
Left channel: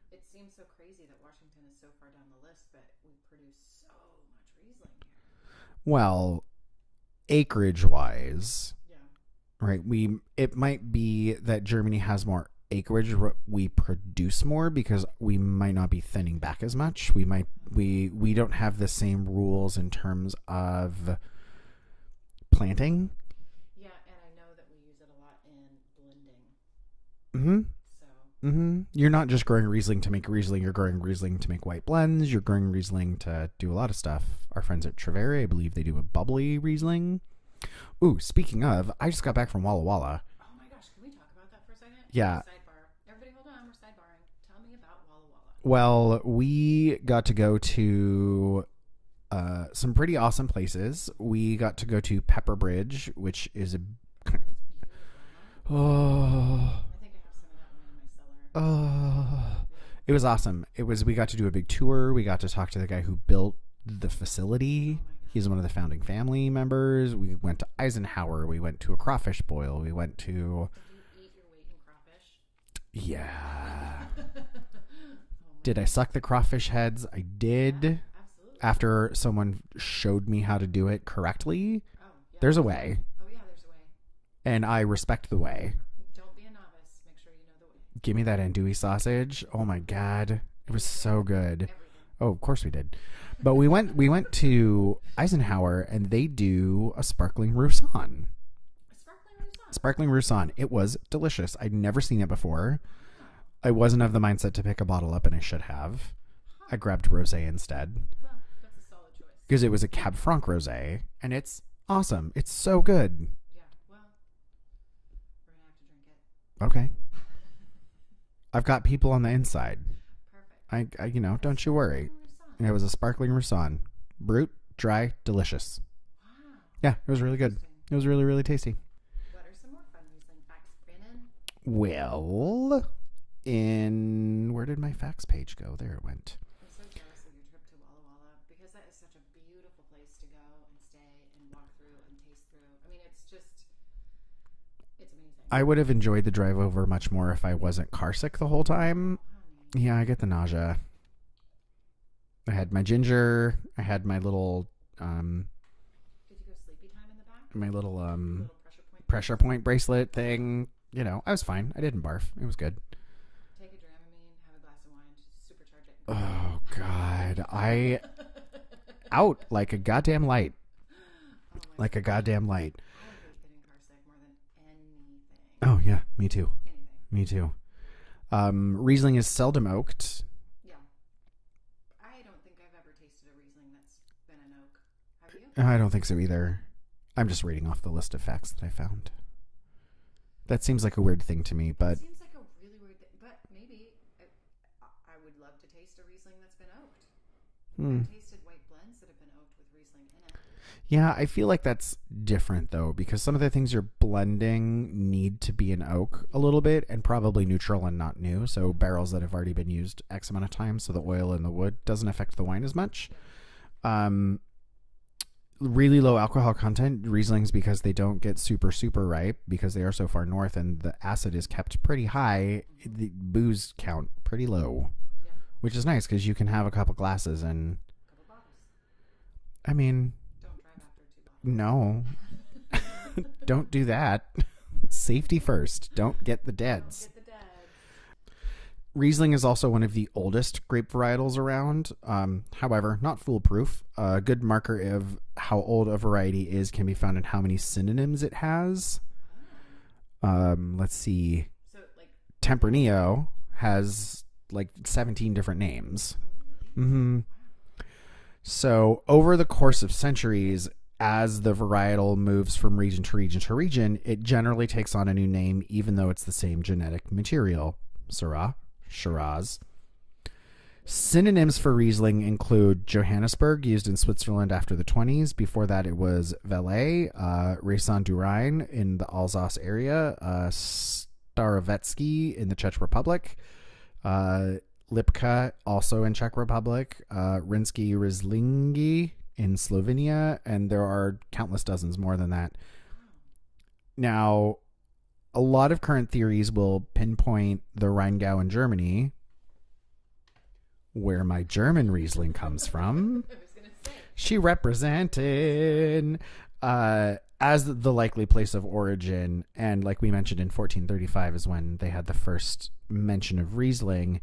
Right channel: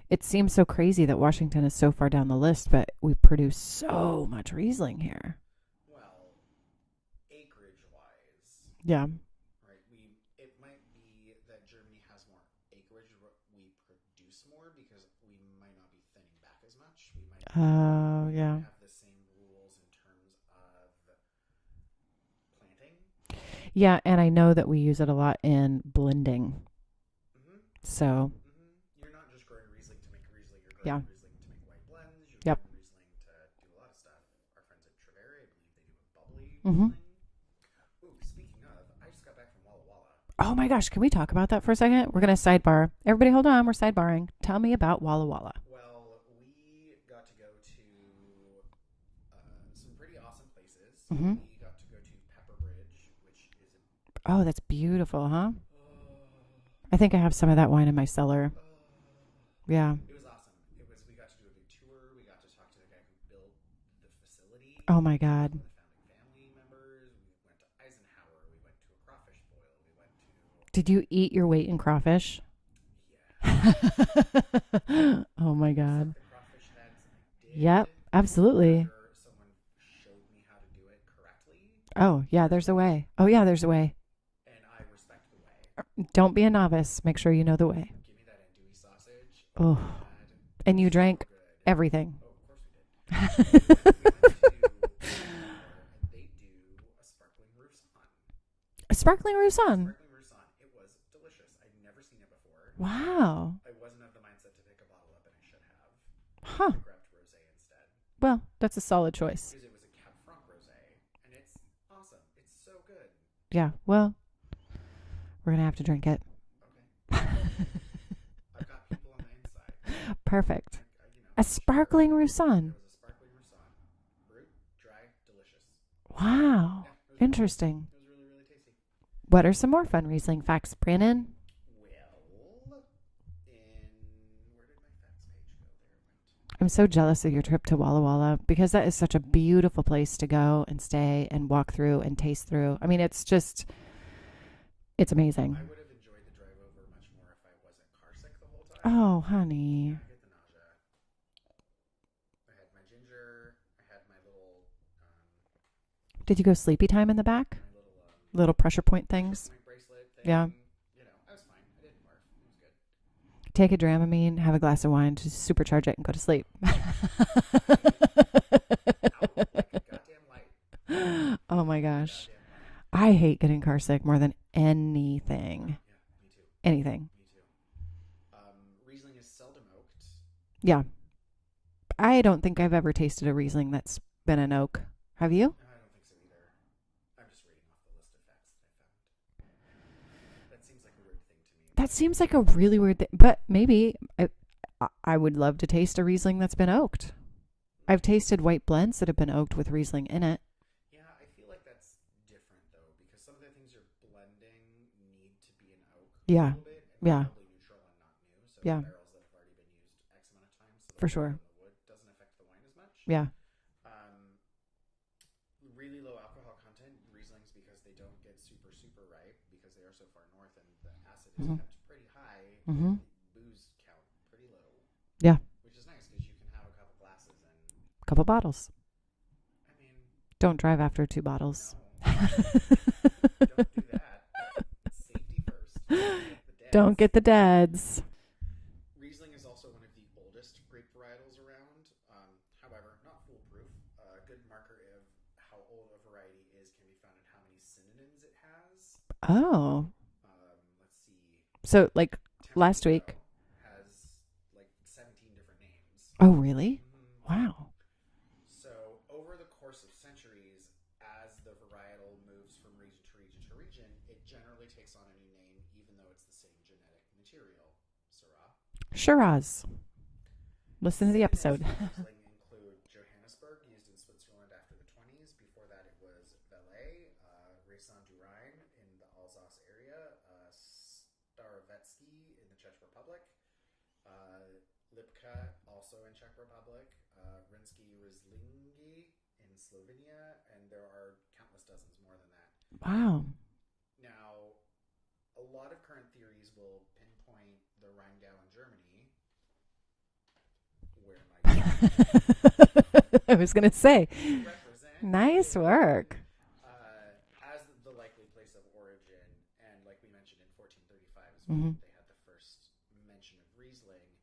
it seems so crazy that Washington is so far down the list, but we produce so much Riesling here. Well, acreage wise, Yeah. right? It might be that Germany has more acreage, we produce more because we might not be thinning back as much. We don't have the same rules in terms of planting. Yeah, and I know that we use it a lot in blending. So you're not just growing Riesling to make Riesling, you're growing Riesling to make white blends, you're growing Riesling to do a lot of stuff. Our friends at Trevere, I believe they do a bubbly Riesling. Ooh, speaking of, I just got back from Walla Walla. Oh my gosh, can we talk about that for a second? We're going to sidebar. Everybody hold on, we're sidebarring. Tell me about Walla Walla. Well, we got to go to some pretty awesome places. We got to go to Pepper Bridge, which is Oh, that's beautiful, huh? Oh. I think I have some of that wine in my cellar. Oh. Yeah. It was awesome. We got to do a big tour. We got to talk to the guy who built the facility. Oh my God. He's one of the founding family members. We went to Eisenhower. We went to a crawfish boil. We went to... Did you eat your weight in crawfish? Yeah. Oh my God. Did I suck the crawfish heads? I did. Yeah, absolutely. After someone showed me how to do it correctly. Oh yeah, there's a way. Oh yeah, there's a way. And I respect the way. Don't be a novice. Make sure you know the way. Give me that andouille sausage. Oh my God. And you drank so good. Everything. Oh, of course we did. But we went to Eisenhower and they do a sparkling Roussanne. A sparkling Roussanne? Sparkling Roussanne. It was delicious. I'd never seen it before. Wow. I wasn't of the mindset to pick a bottle up and I should have. Huh. I grabbed rosé instead. Well, that's a solid choice. Because it was a Cab Franc rosé and it's awesome. It's so good. Yeah. Well, we're going to have to drink it. Okay. I've got people on the inside. Perfect. I don't you worry. A sparkling Roussanne. It was a sparkling Roussanne. Brut, dry, delicious. Wow. Yeah, it was really interesting. Good. It was really, really tasty. What are some more fun Riesling facts, Brandon? Well, where did my facts page go? There it went. I'm so jealous of your trip to Walla Walla because that is such a beautiful place to go and stay and walk through and taste through. I mean, it's amazing. I would have enjoyed the drive over much more if I wasn't car sick the whole time. Oh, honey. Yeah, I get the nausea. I had my ginger. I had my little... Did you go sleepy time in the back? My little... little pressure point bracelet thing. Yeah. I was fine. I didn't barf. It was good. Take a Dramamine, have a glass of wine to supercharge it and go to sleep. God. I... out like a goddamn light. Oh my gosh. Like a goddamn light. I hate getting car sick more than anything. Oh yeah, me too. Anything. Me too. Riesling is seldom oaked. Yeah. I don't think I've ever tasted a Riesling that's been an oak. Have you? I don't think so either. I'm just reading off the list of facts that I found. That seems like a weird thing to me. That seems like a really weird thing. But maybe I would love to taste a Riesling that's been oaked. I've tasted white blends that have been oaked with Riesling in it. Yeah, I feel like that's different though, because some of the things you're blending need to be an oak a little bit and probably neutral and not new. So barrels that have already been used X amount of times, so the oil in the wood doesn't affect the wine as much. Yeah. Really low alcohol content Rieslings because they don't get super, super ripe because they are so far north and the acid is kept pretty high. The booze count pretty low. Yeah. Which is nice because you can have a couple glasses and... a couple bottles. I mean... Don't drive after 2 bottles. No. Don't do that. Safety first. Don't get the deads. Don't get the deads. Riesling is also one of the oldest grape varietals around. However, not foolproof. A good marker of how old a variety is can be found in how many synonyms it has. Oh. Let's see. So, like, Tempranillo has, like, 17 different names. Oh, really? Mm-hmm. Wow. So, over the course of centuries, as the varietal moves from region to region to region, it generally takes on a new name, even though it's the same genetic material. Syrah. Shiraz. Synonyms for Riesling include Johannesburg, used in Switzerland after the 20s. Before that, it was Velay, Raisin du Rhine in the Alsace area, Starovetsky in the Czech Republic, Lipka, also in Czech Republic, Rinsky Rieslingi in Slovenia, and there are countless dozens more than that. Wow. Now, a lot of current theories will pinpoint the Rheingau in Germany, where my German Riesling comes from. I was going to say. She represented. Nice work. As the likely place of origin. And like we mentioned, in 1435 is when they had the first mention of Riesling.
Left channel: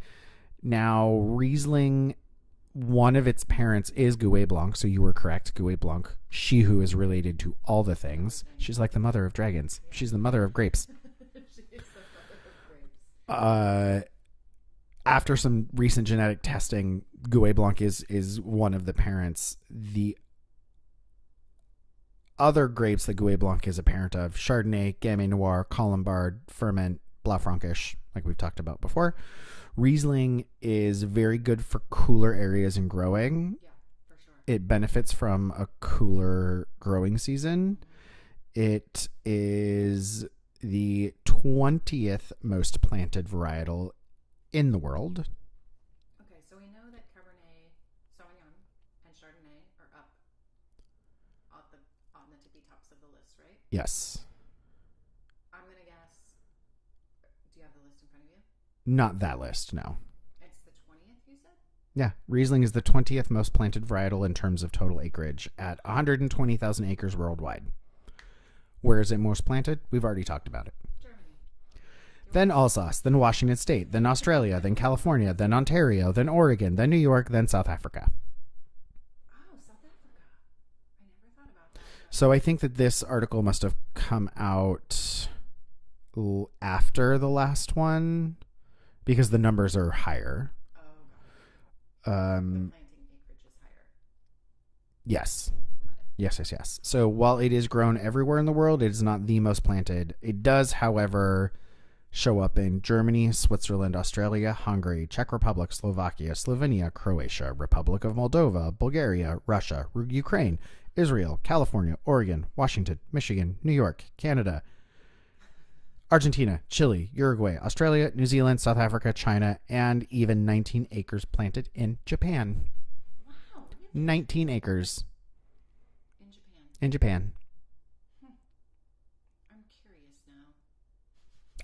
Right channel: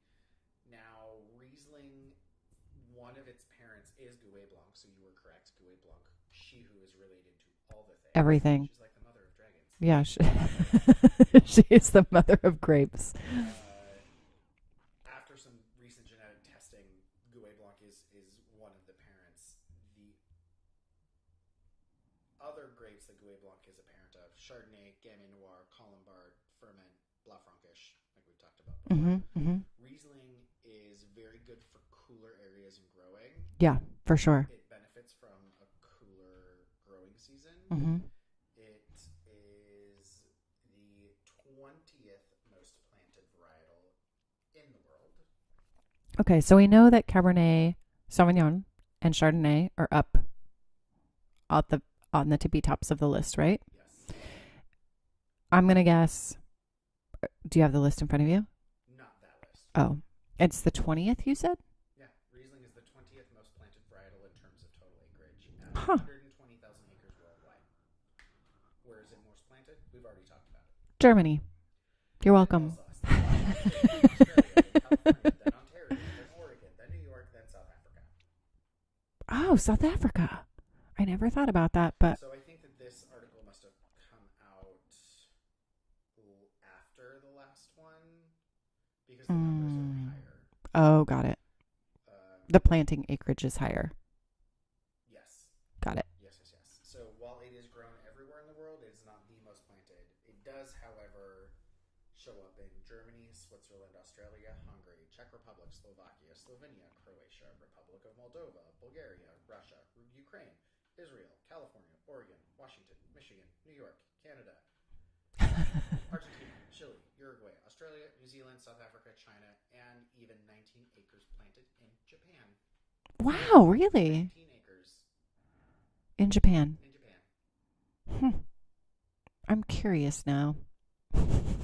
Now, Riesling, one of its parents is Gouet Blanc. So you were correct. Gouet Blanc. She who is related to all the things. Everything. She's like the mother of dragons. Yeah, She's the mother of grapes. She is the mother of grapes. After some recent genetic testing, Gouet Blanc is one of the parents. The other grapes that Gouet Blanc is a parent of: Chardonnay, Gamay Noir, Colombard, Ferment, Blaufränkisch, like we've talked about before. Riesling is very good for cooler areas and growing. Yeah, for sure. It benefits from a cooler growing season. It is the 20th most planted varietal in the world. Okay, so we know that Cabernet Sauvignon and Chardonnay are up on the tippy tops of the list, right? Yes. I'm going to guess. Do you have the list in front of you? Not that list. No. Oh, it's the 20th, you said? Yeah. Riesling is the 20th most planted varietal in terms of total acreage at 120,000 acres worldwide. Where is it most planted? We've already talked about it. Germany. You're then welcome. Alsace, then Washington State, then Australia, then California, then Ontario, then Oregon, then New York, then South Africa. Oh, South Africa. I never thought about that, but So I think that this article must have come out after the last one because the numbers are higher. Oh, got it. The planting acreage is higher. Yes. Got it. Yes. So while it is grown everywhere in the world, it is not the most planted. It does, however, show up in Germany, Switzerland, Australia, Hungary, Czech Republic, Slovakia, Slovenia, Croatia, Republic of Moldova, Bulgaria, Russia, Ukraine, Israel, California, Oregon, Washington, Michigan, New York, Canada, Argentina, Chile, Uruguay, Australia, New Zealand, South Africa, China, and even 19 acres planted in Japan. Wow, really? 19 acres. In Japan. In Japan. I'm curious now.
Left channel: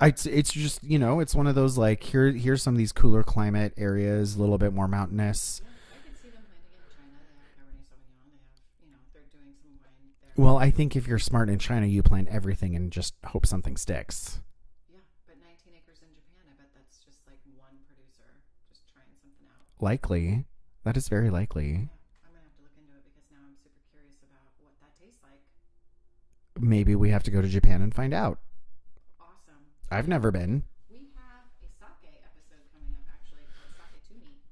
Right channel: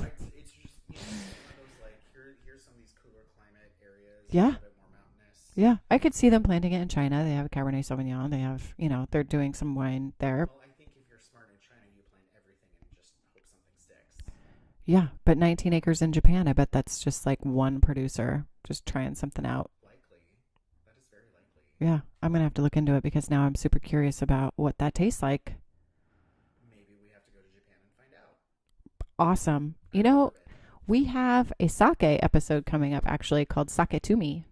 It's just, it's one of those like, here's some of these cooler climate areas, a little bit more mountainous. Yeah, I could see them planting it in China. They have Cabernet Sauvignon. They have, they're doing some wine there. Well, I think if you're smart in China, you plant everything and just hope something sticks. Yeah, but 19 acres in Japan, I bet that's just like one producer just trying something out. Likely. That is very likely. Yeah, I'm going to have to look into it because now I'm super curious about what that tastes like. Maybe we have to go to Japan and find out. Awesome. I've never been. We have a sake episode coming up actually called Sake to Me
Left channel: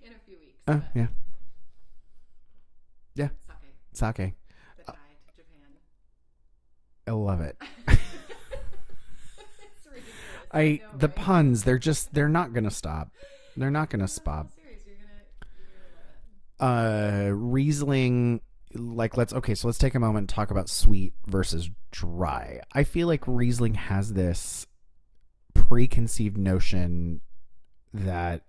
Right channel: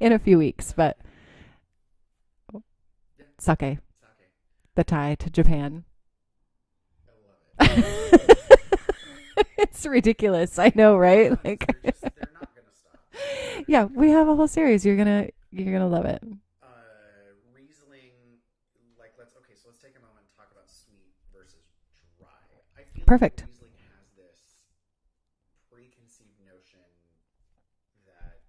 in a few weeks. But yeah. Sake. Sake. The tie to Japan. I love it. It's ridiculous. I know, right? The puns, they're not going to stop. They're not going to we stop. have a whole series. You're going to love it. Riesling, let's take a moment and talk about sweet versus dry. I feel Perfect. like Riesling has this preconceived notion that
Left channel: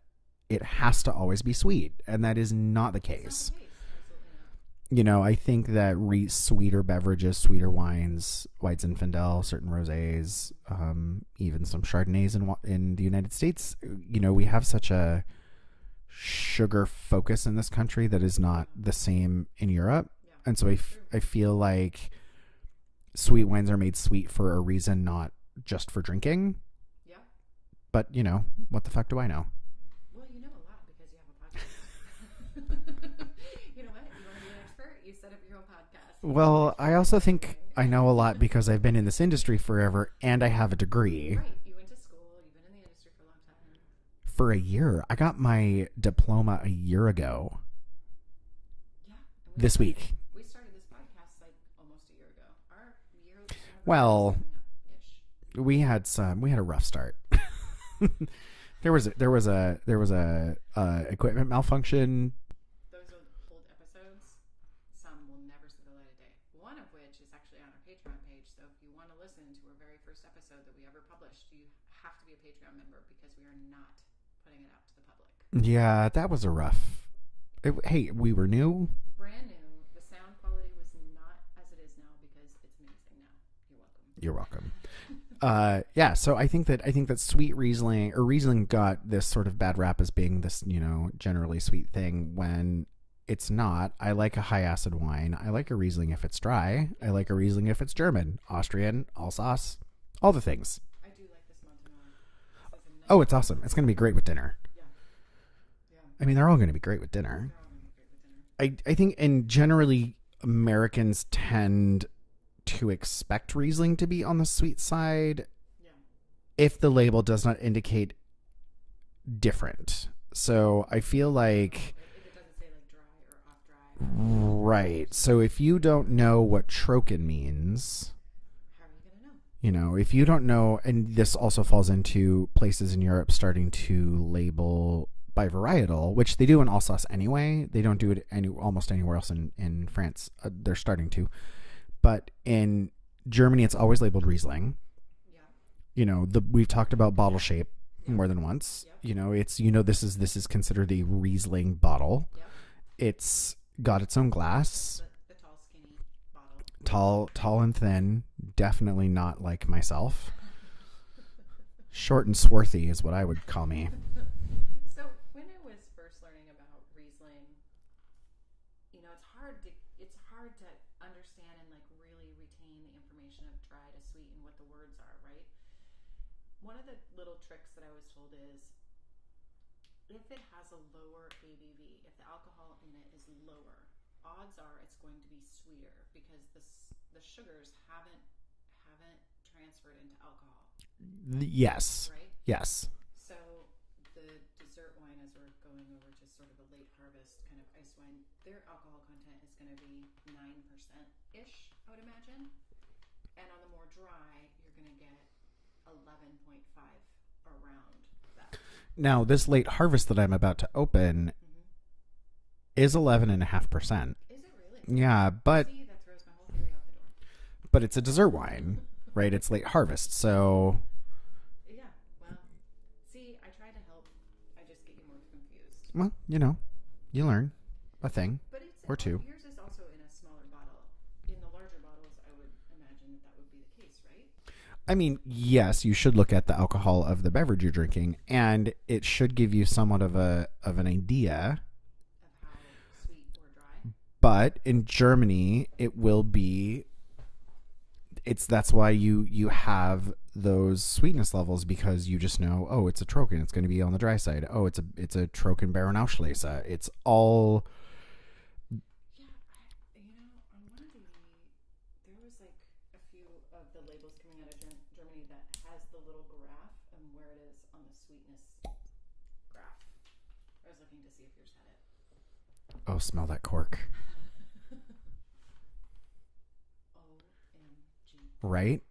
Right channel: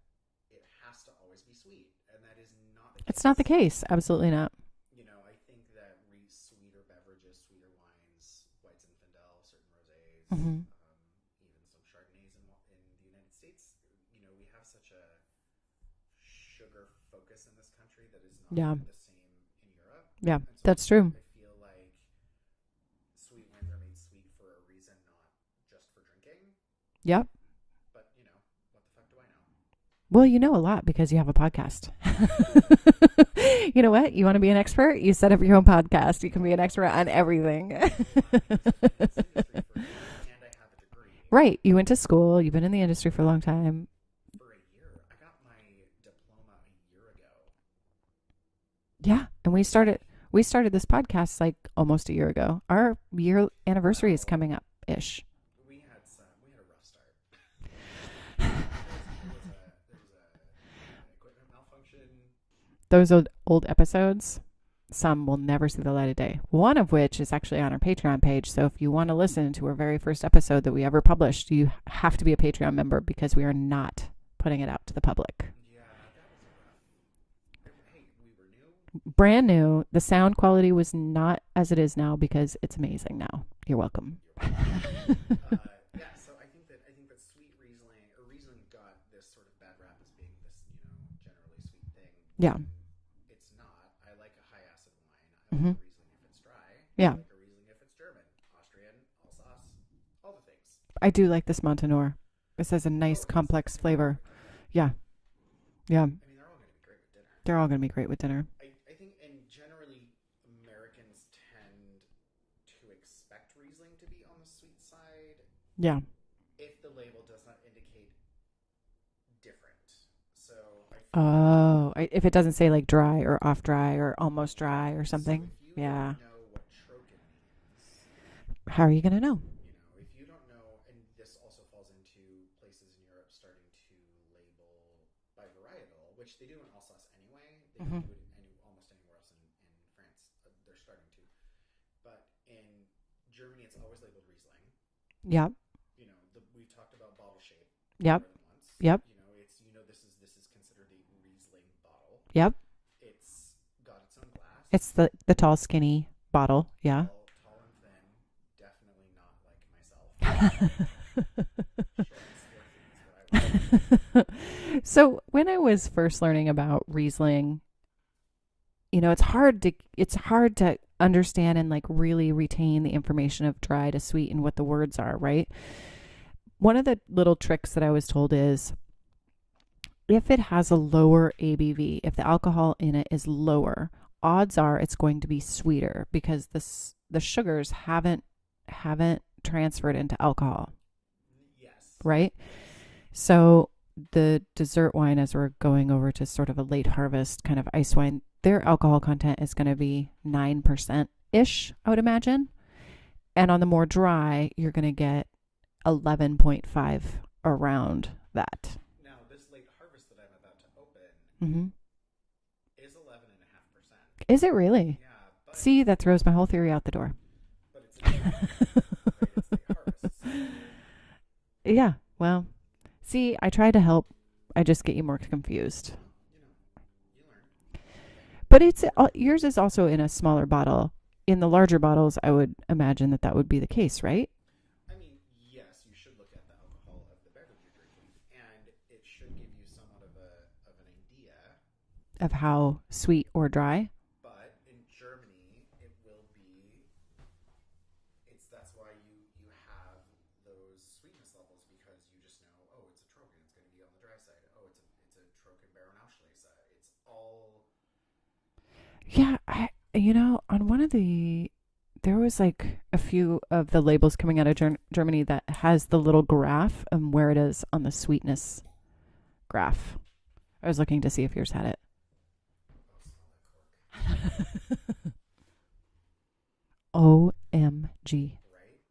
it has to always be sweet, and that is not the case. It's not the case. Absolutely not. I think that sweeter beverages, sweeter wines, White Zinfandel, certain rosés, even some Chardonnays in the United States, we have such a sugar focus in this country that is not the same in Europe. Yeah, and so that's true. I feel like sweet wines are made sweet for a reason, not just for drinking. Yep. But, what the fuck do I know? Well, you know a lot because you have a podcast. You know what? You want to be an expert? You set up your own podcast. You can be an expert on everything. I know a lot because I've been in this industry forever and I have a degree. Right. You went to school. You've been in the industry for a long time. For a year. I got my diploma a year ago. Yeah. And we started this podcast like almost a year ago. Our year anniversary is coming up ish. We had a rough start. There was a equipment malfunction. Those old episodes, some will never see the light of day. One of which is actually on our Patreon page. So if you want to listen to our very first episode that we ever published, you have to be a Patreon member because we are not putting it out to the public. Yeah, that was a rough Hey, we were new. Brand new. The sound quality was not as it is now because it's amazing now. You're welcome. You're welcome. Yeah, so I think that sweet Riesling got this sort of bad rap as being this, generally sweet thing when it's not. I like a high acid wine. I like a Riesling if it's dry. I like a Riesling if it's German, Austrian, Alsace, all the things. I do like this Montanor. This has a nice it's complex awesome. It's going to be flavor. great with dinner. Yeah. Yeah. I mean, they're all going to be great with dinner. They're all going to be great with dinner. I think, and generally Americans tend to expect Riesling to be on the sweet side. Yeah. If the label does not indicate different. So I feel like if it doesn't say like dry or off dry or almost dry or something. So if you don't know what trocken means, how are you going to know? If you don't know, and this also falls into places in Europe starting to label by varietal, which they do in Alsace anyway. They don't do it almost anywhere else in France. They're starting to. But in Germany, it's always labeled Riesling. Yeah. We've talked about bottle shape more than once. Yep. It's this is considered a Riesling bottle. Yep. It's got its own glass. It's the tall, skinny bottle. Yeah. Tall and thin. Definitely not like myself. Short and swarthy is what I would call me. So when I was first learning about Riesling, it's hard to understand and like really retain the information of dry to sweet and what the words are, right? One of the little tricks that I was told is if it has a lower ABV, if the alcohol in it is lower, odds are it's going to be sweeter because the sugars haven't transferred into alcohol. Yes. Right? Yes. So the dessert wine, as we're going over to sort of a late harvest kind of ice wine, their alcohol content is going to be 9%-ish, I would imagine. And on the more dry, you're going to get 11.5 around that. Now, this late harvest that I'm about to open is 11.5%. Is it really? Yeah, but... See, that throws my whole theory out the door. But it's a dessert wine, right? It's late harvest, so... Yeah, well, see, I try to help. I just get you more confused. Well, you learn a thing. But yours is also in a smaller bottle. In the larger bottles, I would imagine that would be the case, right? I mean, yes, you should look at the alcohol of the beverage you're drinking, and it should give you somewhat of an idea of how sweet or dry. But in Germany, it will be. That's why you have those sweetness levels, because you just know, oh, it's a Trocken, it's going to be on the dry side. Oh, it's a Trocken Baronauslese. It's all. Yeah, on one of there was like a few of the labels coming out of Germany that has the little graph and where it is on the sweetness graph. I was looking to see if yours had it. Oh, smell that cork. OMG. Right?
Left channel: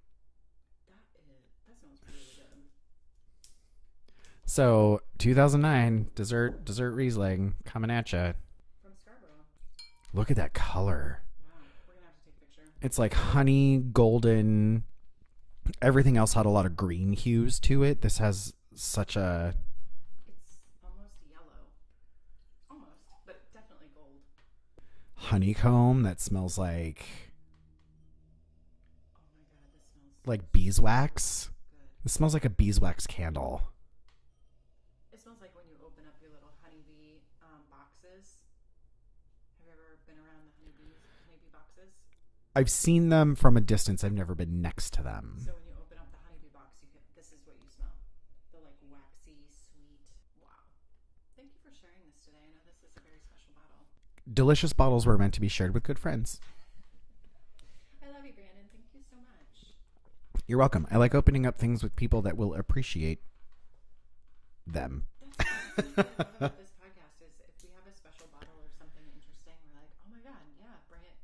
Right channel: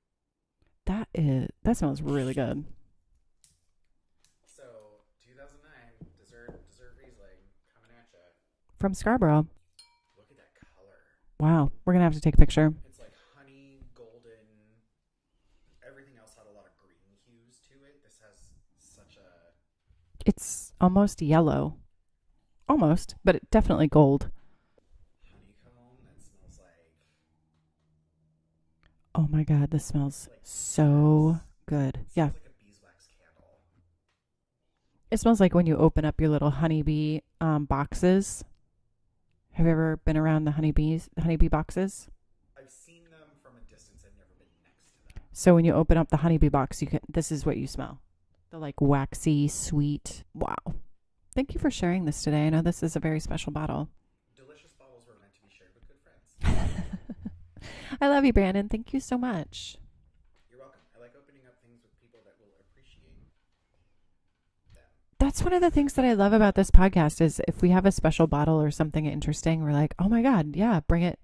That smells really good. So 2009 dessert Riesling coming at you from Scarborough. Look at that color. Wow, we're gonna have to take a picture. It's like honey, golden. Everything else had a lot of green hues to it. This has such a. It's almost yellow, almost, but it definitely gold. Honeycomb that smells like. Oh my God, this smells like beeswax. So good. It smells like a beeswax candle. It smells like when you open up your little honeybee boxes. Have you ever been around the honeybee boxes? I've seen them from a distance. I've never been next to them. So when you open up the honeybee box, this is what you smell. The like waxy, sweet. Wow. Thank you for sharing this today. I know this is a very special bottle. Delicious bottles were meant to be shared with good friends. I love you, Brandon. Thank you so much. You're welcome. I like opening up things with people that will appreciate them. That's one of the things that I love about this podcast is if we have a special bottle or something interesting, we're like, oh my God, yeah, bring it,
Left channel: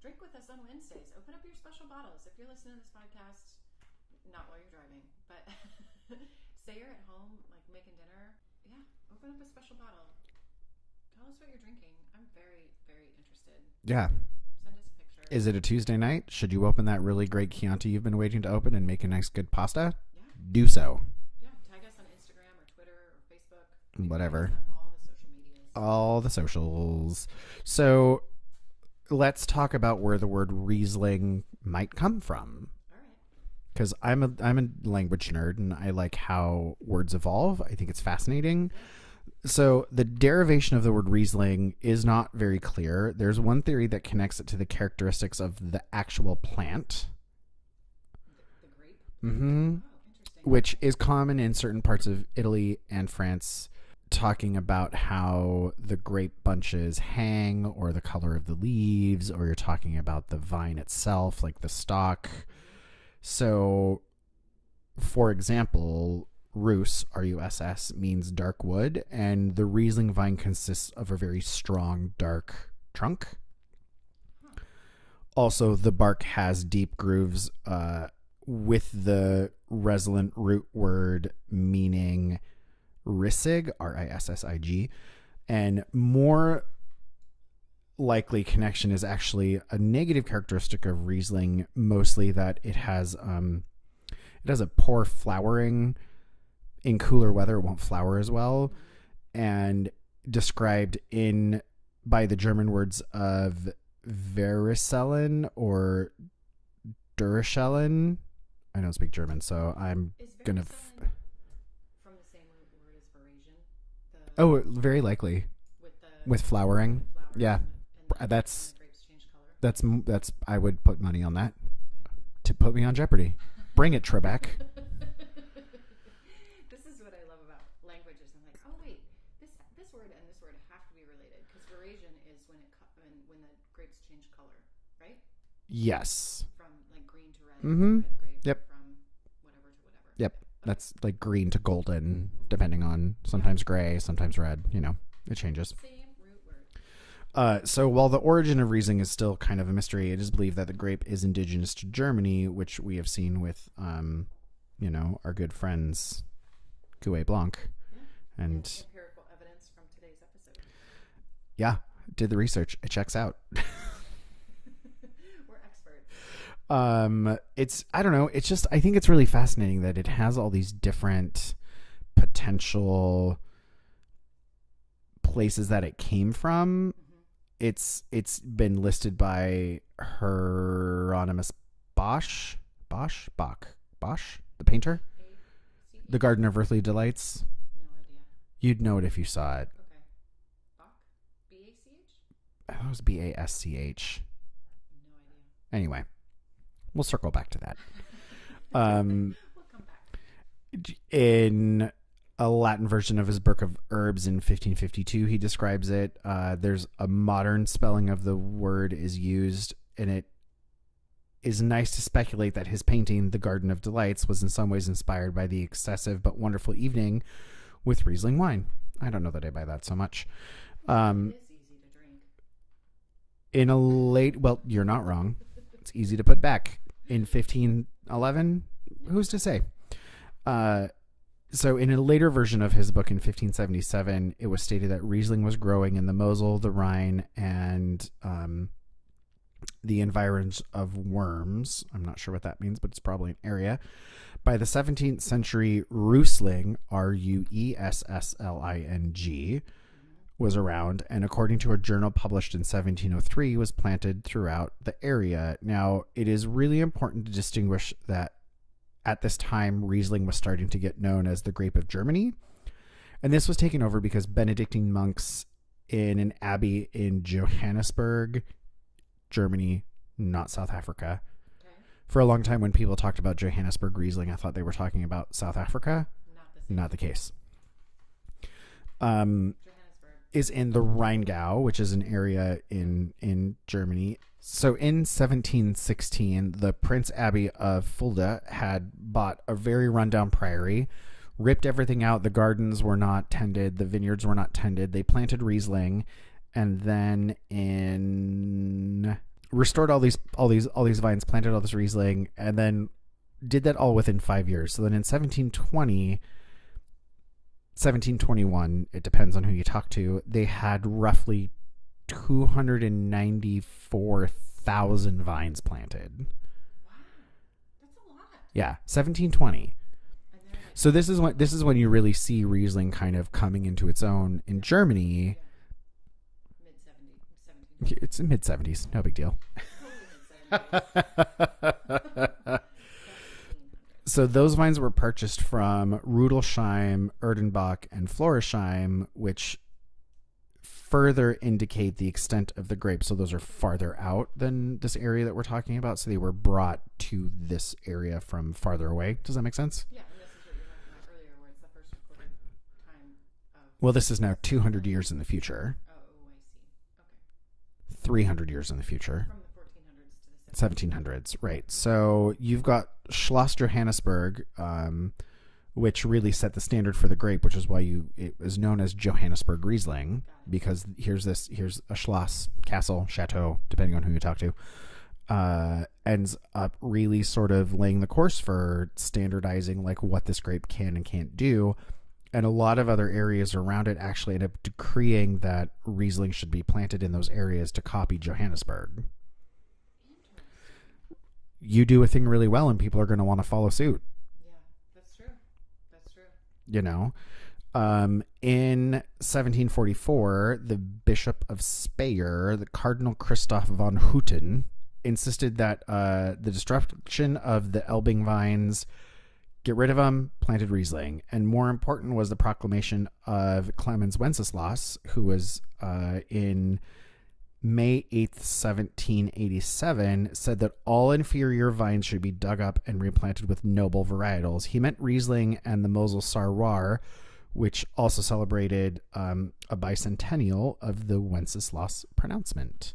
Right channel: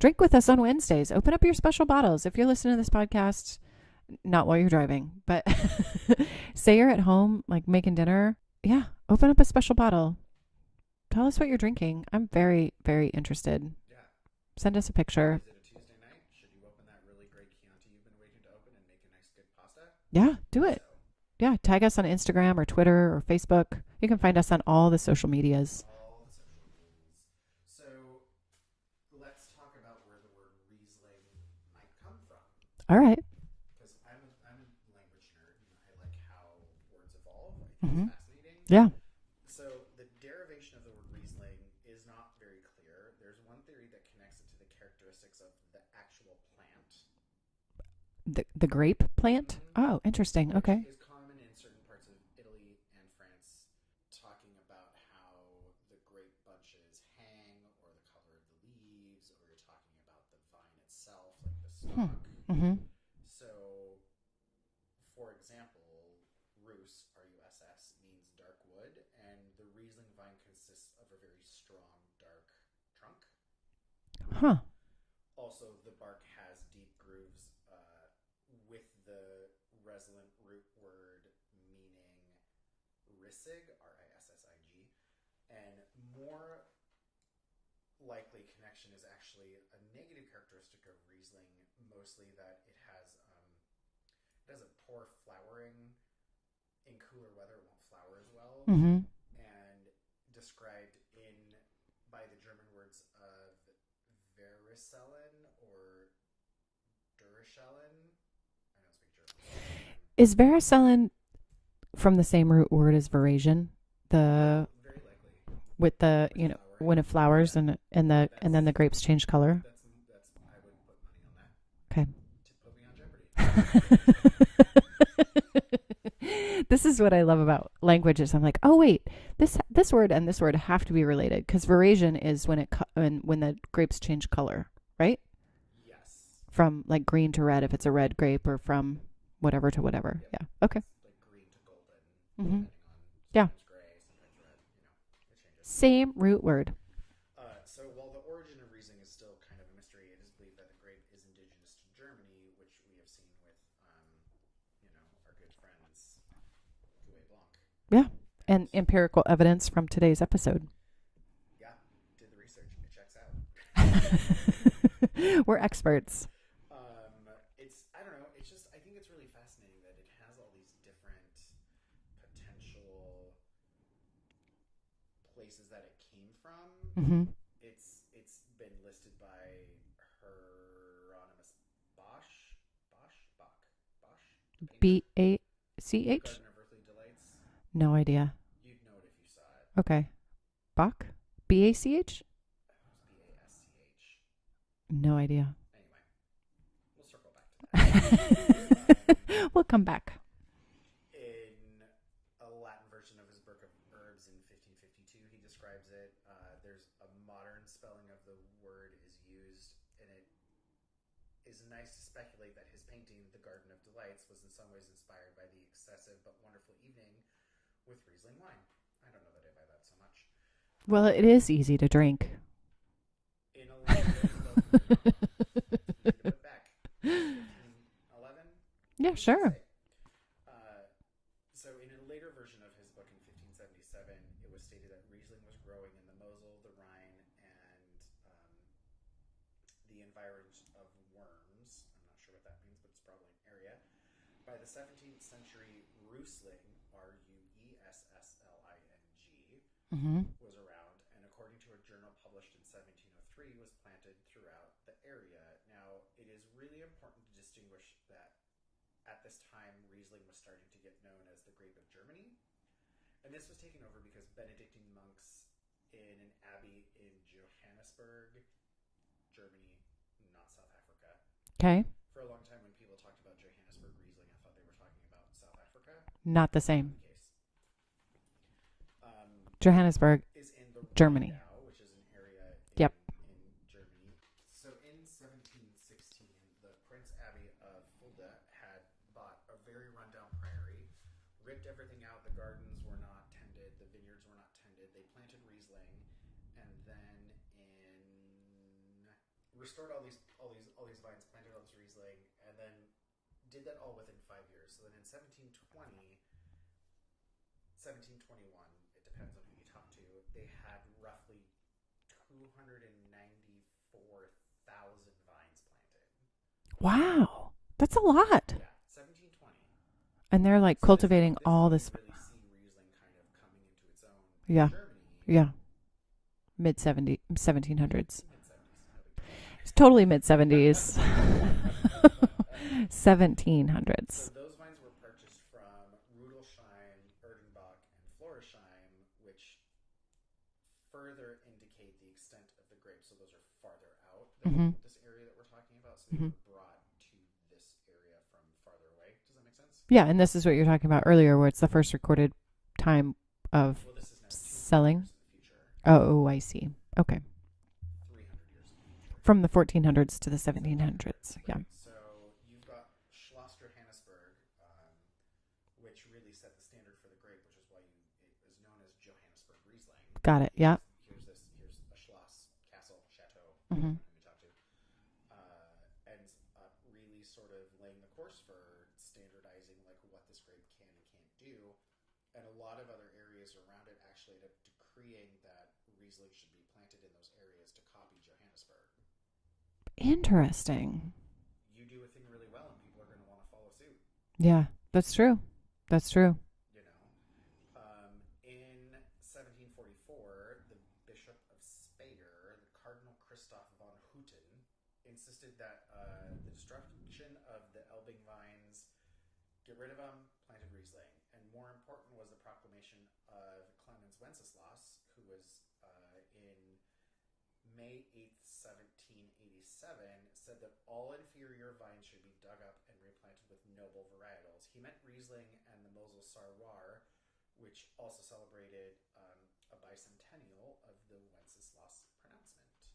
drink with us on Wednesdays. Open up your special bottles. If you're listening to this podcast, not while you're driving, but say you're at home, like making dinner. Yeah. Open up a special bottle. Tell us what you're drinking. I'm very, very interested. Yeah. Send us a picture. Is it a Tuesday night? Should you open that really great Chianti you've been waiting to open and make a nice good pasta? Yeah. Do so. Yeah, tag us on Instagram or Twitter or Facebook. You can find us on all the social medias. All the socials. So let's talk about where the word Riesling might come from. All right. Because I'm a language nerd and I like how words evolve. I think it's fascinating. Yeah. So the derivation of the word Riesling is not very clear. There's one theory that connects it to the characteristics of the actual plant. The grape plant? Oh, interesting. Which is common in certain parts of Italy and France, talking about how the grape bunches hang or the color of the leaves, or you're talking about the vine itself, like the stalk. So, for example, Rus, R-U-S-S, means dark wood, and the Riesling vine consists of a very strong, dark trunk. Also, the bark has deep grooves with the resonant root word meaning Rissig, R-I-S-S-I-G, and more likely connection is actually a negative characteristic of Riesling, mostly that it has a poor flowering. In cooler weather, it won't flower as well, and described by the German words of Vericellen or Duracellen. I don't speak German, so Is Vericellen from the same root word as Verasion? Very likely. With flowering, when it flowers, and then the grapes change color. That's I would put money on that. Okay. To put me on Jeopardy. Bring it, Trebek. This is what I love about languages. I'm like, oh wait, this word and this word have to be related, because Verasion is when the grapes change color, right? Yes. From like green to red if it's a red grape, or from whatever to whatever. Yep. Yeah. Okay. That's like green to golden, depending on sometimes gray, sometimes red. It changes. Same root word. So while the origin of Riesling is still kind of a mystery, it is believed that the grape is indigenous to Germany, which we have seen with, our good friends, Cuvée Blanc. Yeah. And empirical evidence from today's episode. Yeah. Did the research. It checks out. We're experts. I don't know. It's just, I think it's really fascinating that it has all these different potential places that it came from. It's been listed by Hieronymus Bosch, the painter. B-A-C-H? The Garden of Earthly Delights. No idea. You'd know it if you saw it. Okay. Bach? B-A-C-H? It was B-A-S-C-H. No idea. Anyway, we'll circle back to that. We'll come back. In a Latin version of his Book of Herbs in 1552, he describes it. There's a modern spelling of the word is used, and it is nice to speculate that his painting, The Garden of Delights, was in some ways inspired by the excessive but wonderful evening with Riesling wine. I don't know that I buy that so much. Well, it is easy to drink. Well, you're not wrong. It's easy to put back. In 1511? Yeah, who's sure. to say? So in a later version of his book in 1577, it was stated that Riesling was growing in the Mosel, the Rhine, and the environs of Worms. I'm not sure what that means, but it's probably an area. By the 17th century, Riesling, R-U-E-S-S-L-I-N-G, was around, and according to a journal published in 1703, was planted throughout the area. Now, it is really important to distinguish that at this time, Riesling was starting to get known as the grape of Germany, and this was taken over because Benedictine monks in an abbey in Johannesburg, Germany, not South Africa. Okay. For a long time, when people talked about Johannesburg Riesling, I thought they were talking about South Africa. Not the same. Not the case. Johannesburg is in the Rheingau, which is an area in Germany. So in 1716, the Prince Abbey of Fulda had bought a very rundown priory, ripped everything out. The gardens were not tended. The vineyards were not tended. They planted Riesling, and then restored all these vines, planted all this Riesling, and then did that all within 5 years. So then in 1721, it depends on who you talk to, they had roughly 294,000 vines planted. Wow. That's a lot. Yeah, 1720. And they're like So cultivating this is all when this- you really see Riesling kind of coming into its own in Yeah. Germany. Yeah. Mid-1700s. It's mid-70s. No big deal. It's totally mid-70s. 1700s. So those vines were purchased from Rudelsheim, Erdenbach, and Florisheim, which further indicate the extent of the grape. So those are farther out than this area that we're talking about. So they were brought to this area from farther away. Does that make sense? Yeah, and this is what you're talking about earlier, where it's the first recorded time of... Well, this is now 200 selling. years in the future. Oh, I see. Okay. 300 years in the future. From the 1400s to the 1700s. 1700s, right. So you've got Schloss Johannesburg, which really set the standard for the grape, which is why it was known as Johannesburg Riesling. Got it. Because here's a Schloss, castle, chateau, depending on who you talk to, ends up really sort of laying the course for standardizing like what this grape can and can't do. And a lot of other areas around it actually end up decreeing that Riesling should be planted in those areas to copy Johannesburg. Interesting. You do a thing really well and people are going to want to follow suit. Yeah, that's true. That's true. You know, in 1744, the Bishop of Speyer, the Cardinal Christoph von Hutten, insisted that the destruction of the Elbing vines, get rid of them, planted Riesling. And more important was the proclamation of Clemens Wenceslas, who was in May 8th, 1787, said that all inferior vines should be dug up and replanted with noble varietals. He meant Riesling and the Mosel Sarroir, which also celebrated a bicentennial of the Wenceslas pronouncement.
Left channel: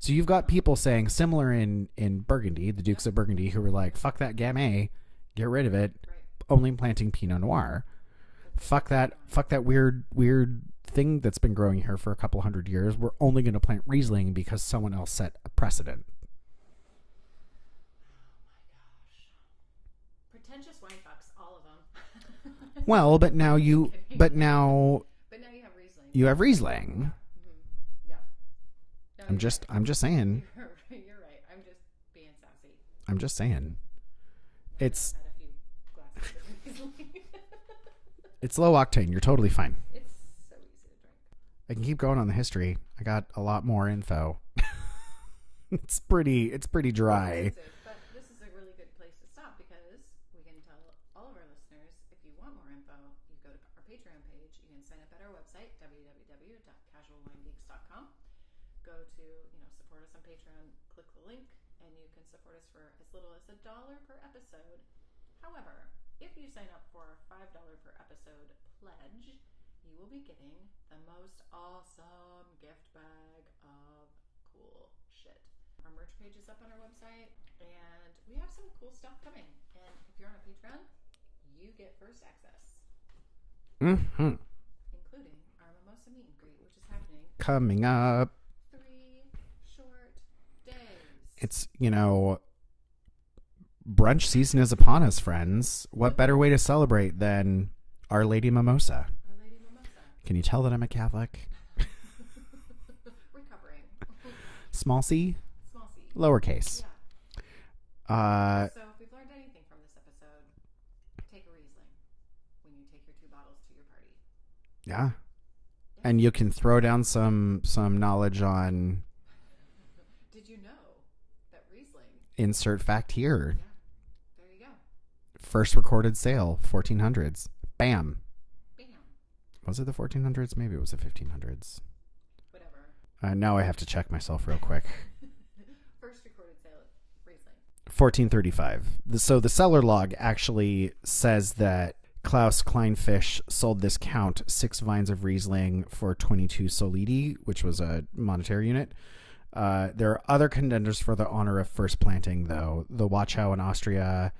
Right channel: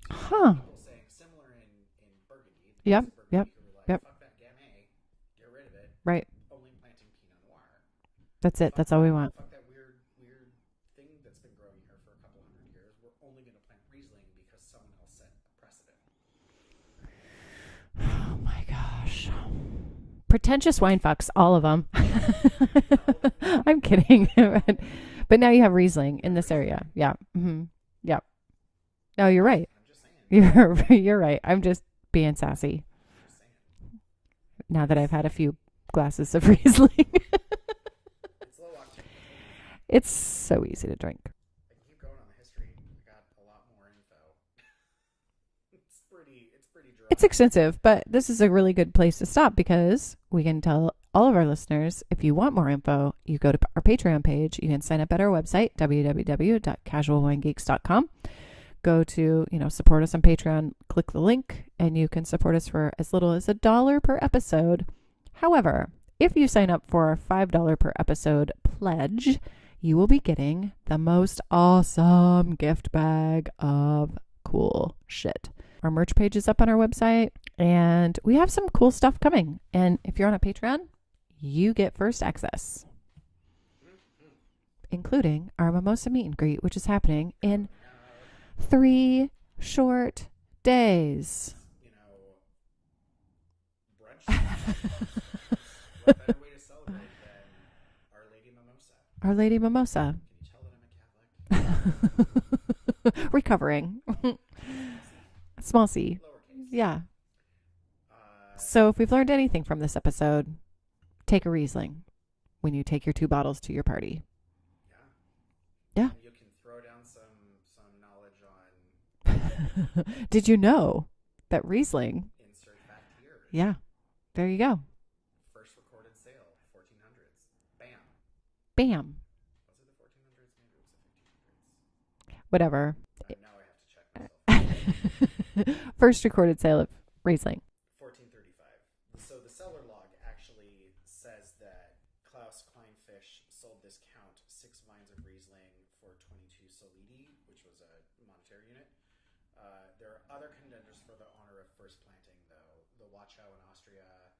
So you've got people saying similar in Burgundy, the Dukes of Burgundy, who were like, fuck that Gamay, get rid of it. Right. Only planting Pinot Noir. That's it. Fuck That's that, all we want. Fuck that weird thing that's been growing here for a couple hundred years. We're only going to plant Riesling because someone else set a precedent. Oh my gosh. Pretentious wine fucks, all of them. Well, but now you... I'm kidding. But now... But now you have Riesling. You in have this Riesling. area. Yeah. Mm-hmm. Yeah. No, you're right. I'm just saying. You're right. I'm just being sassy. I'm just saying. Now that I've had a few glasses of Riesling. It's low octane. You're totally fine. It's so easy to drink. I can keep going on the history. I got a lot more info. It's pretty dry. It's extensive, but this is a really good place to stop because we can tell all of our listeners, if you want more info, you go to our Patreon page. You can sign up at our website, www.casualwinegeeks.com. Go to, support us on Patreon, click the link, and you can support us for as little as $1 per episode. However, if you sign up for our $5 per episode pledge, you will be getting the most awesome gift bag of cool shit. Our merch page is up on our website, and we have some cool stuff coming. And if you're on a Patreon, you get first access, including our mimosa meet and greet, which is happening coming up 3 short days. It's, brunch season is upon us, friends. What better way to celebrate than Our Lady Mimosa? Our Lady Mimosa. Can you tell that I'm a Catholic? Recovering. Small c? Small c. Lowercase. Yeah. So if we've learned anything from this episode, take a Riesling when you take your 2 bottles to your party. Yeah. Yeah. And you can throw down some knowledge on... Did you know that Riesling... Insert fact here. Yeah. There you go. First recorded sale, 1400s. Bam. Bam. Was it the 1400s? Maybe it was the 1500s. Whatever. Now I have to check myself real quick. First recorded sale of Riesling. 1435. So the cellar log actually says that Klaus Kleinfisch sold this count 6 vines of Riesling for 22 solidi, which was a monetary unit. There are other contenders for the honor of first planting, though. The Wachau in Austria,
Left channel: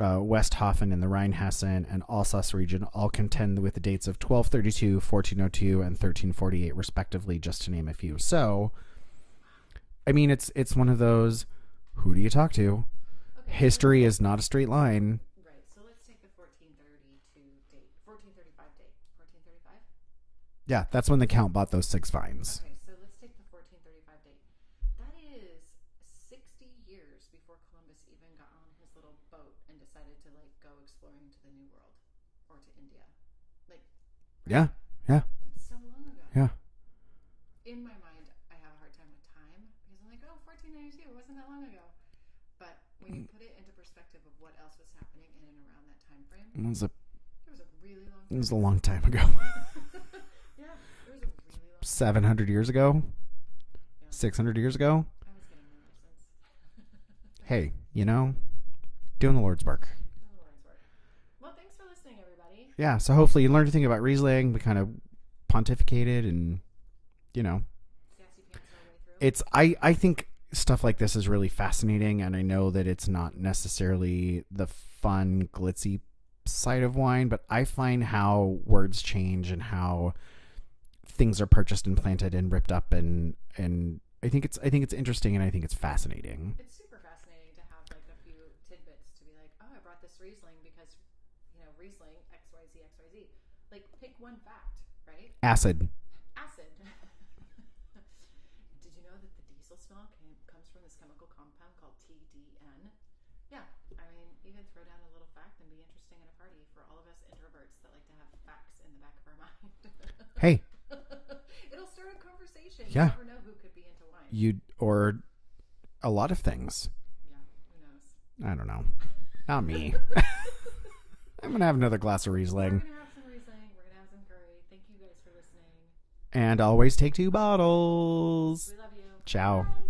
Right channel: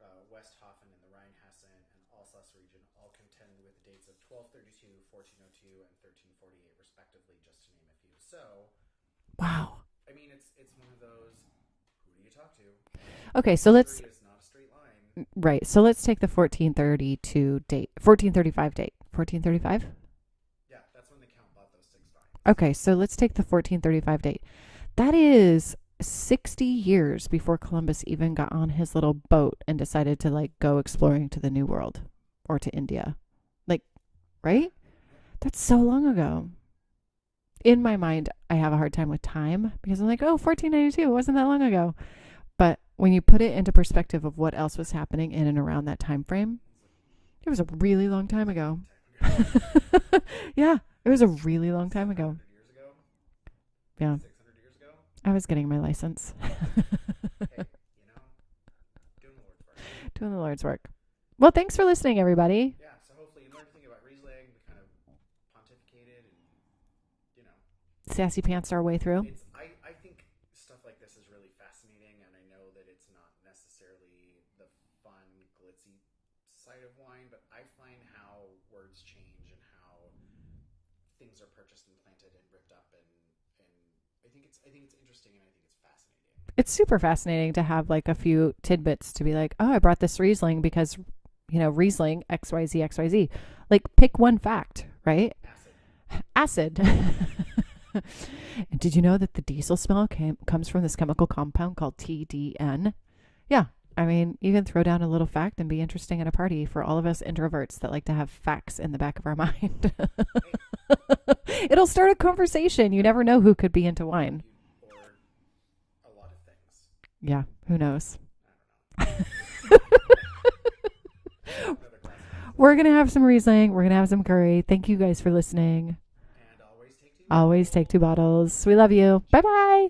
Westhofen in the Rheinhessen, and Alsace region all contend with the dates of 1232, 1402, and 1348, respectively, just to name a few. So, wow. I mean, it's one of those, who do you talk to? Okay, History is not a straight line. Right. So let's take the 1432 date. 1435 date. 1435? Yeah, that's when the Count bought those 6 vines. Okay, so let's take the 1435 date. That is 60 years before Columbus even got on his little boat and decided to like go exploring to the New World or to India. Like, right? Yeah. That's so long ago. Yeah. In my mind, I have a hard time with time because I'm like, oh, 1492, it wasn't that long ago. But when you put it into perspective of what else was happening in and around that time frame, it was a really long time ago. It was a long time ago. Yeah, it was a really long time 700 years ago. Yeah. 600 years ago. I was getting my license. Hey, doing the Lord's work. Doing the Lord's work. Well, thanks for listening, everybody. Yeah, so hopefully you learned to think about Riesling. We kind of pontificated and, sassy pants our way through. I think stuff like this is really fascinating, and I know that it's not necessarily the fun, glitzy side of wine, but I find how words change and how things are purchased and planted and ripped up, and I think it's interesting, and I think it's fascinating. It's super fascinating to have like a few tidbits to be like, oh, I brought this Riesling because, Riesling XYZ. Like, pick one fact, right? Acid. Did you know that the diesel smell comes from this chemical compound called TDN? Yeah. I mean, you can throw down a little fact and be interesting at a party for all of us introverts that like to have facts in the back of our mind. Hey. It'll start a conversation. You never know who could be into wine. Or a lot of things. Yeah. Who knows? I don't know. Not me. I'm going to have another glass of Riesling. We're going to have some Riesling. We're going to have some curry. Thank you guys for listening. And always take 2 bottles. Always take 2 bottles. We love you. Ciao. Bye-bye.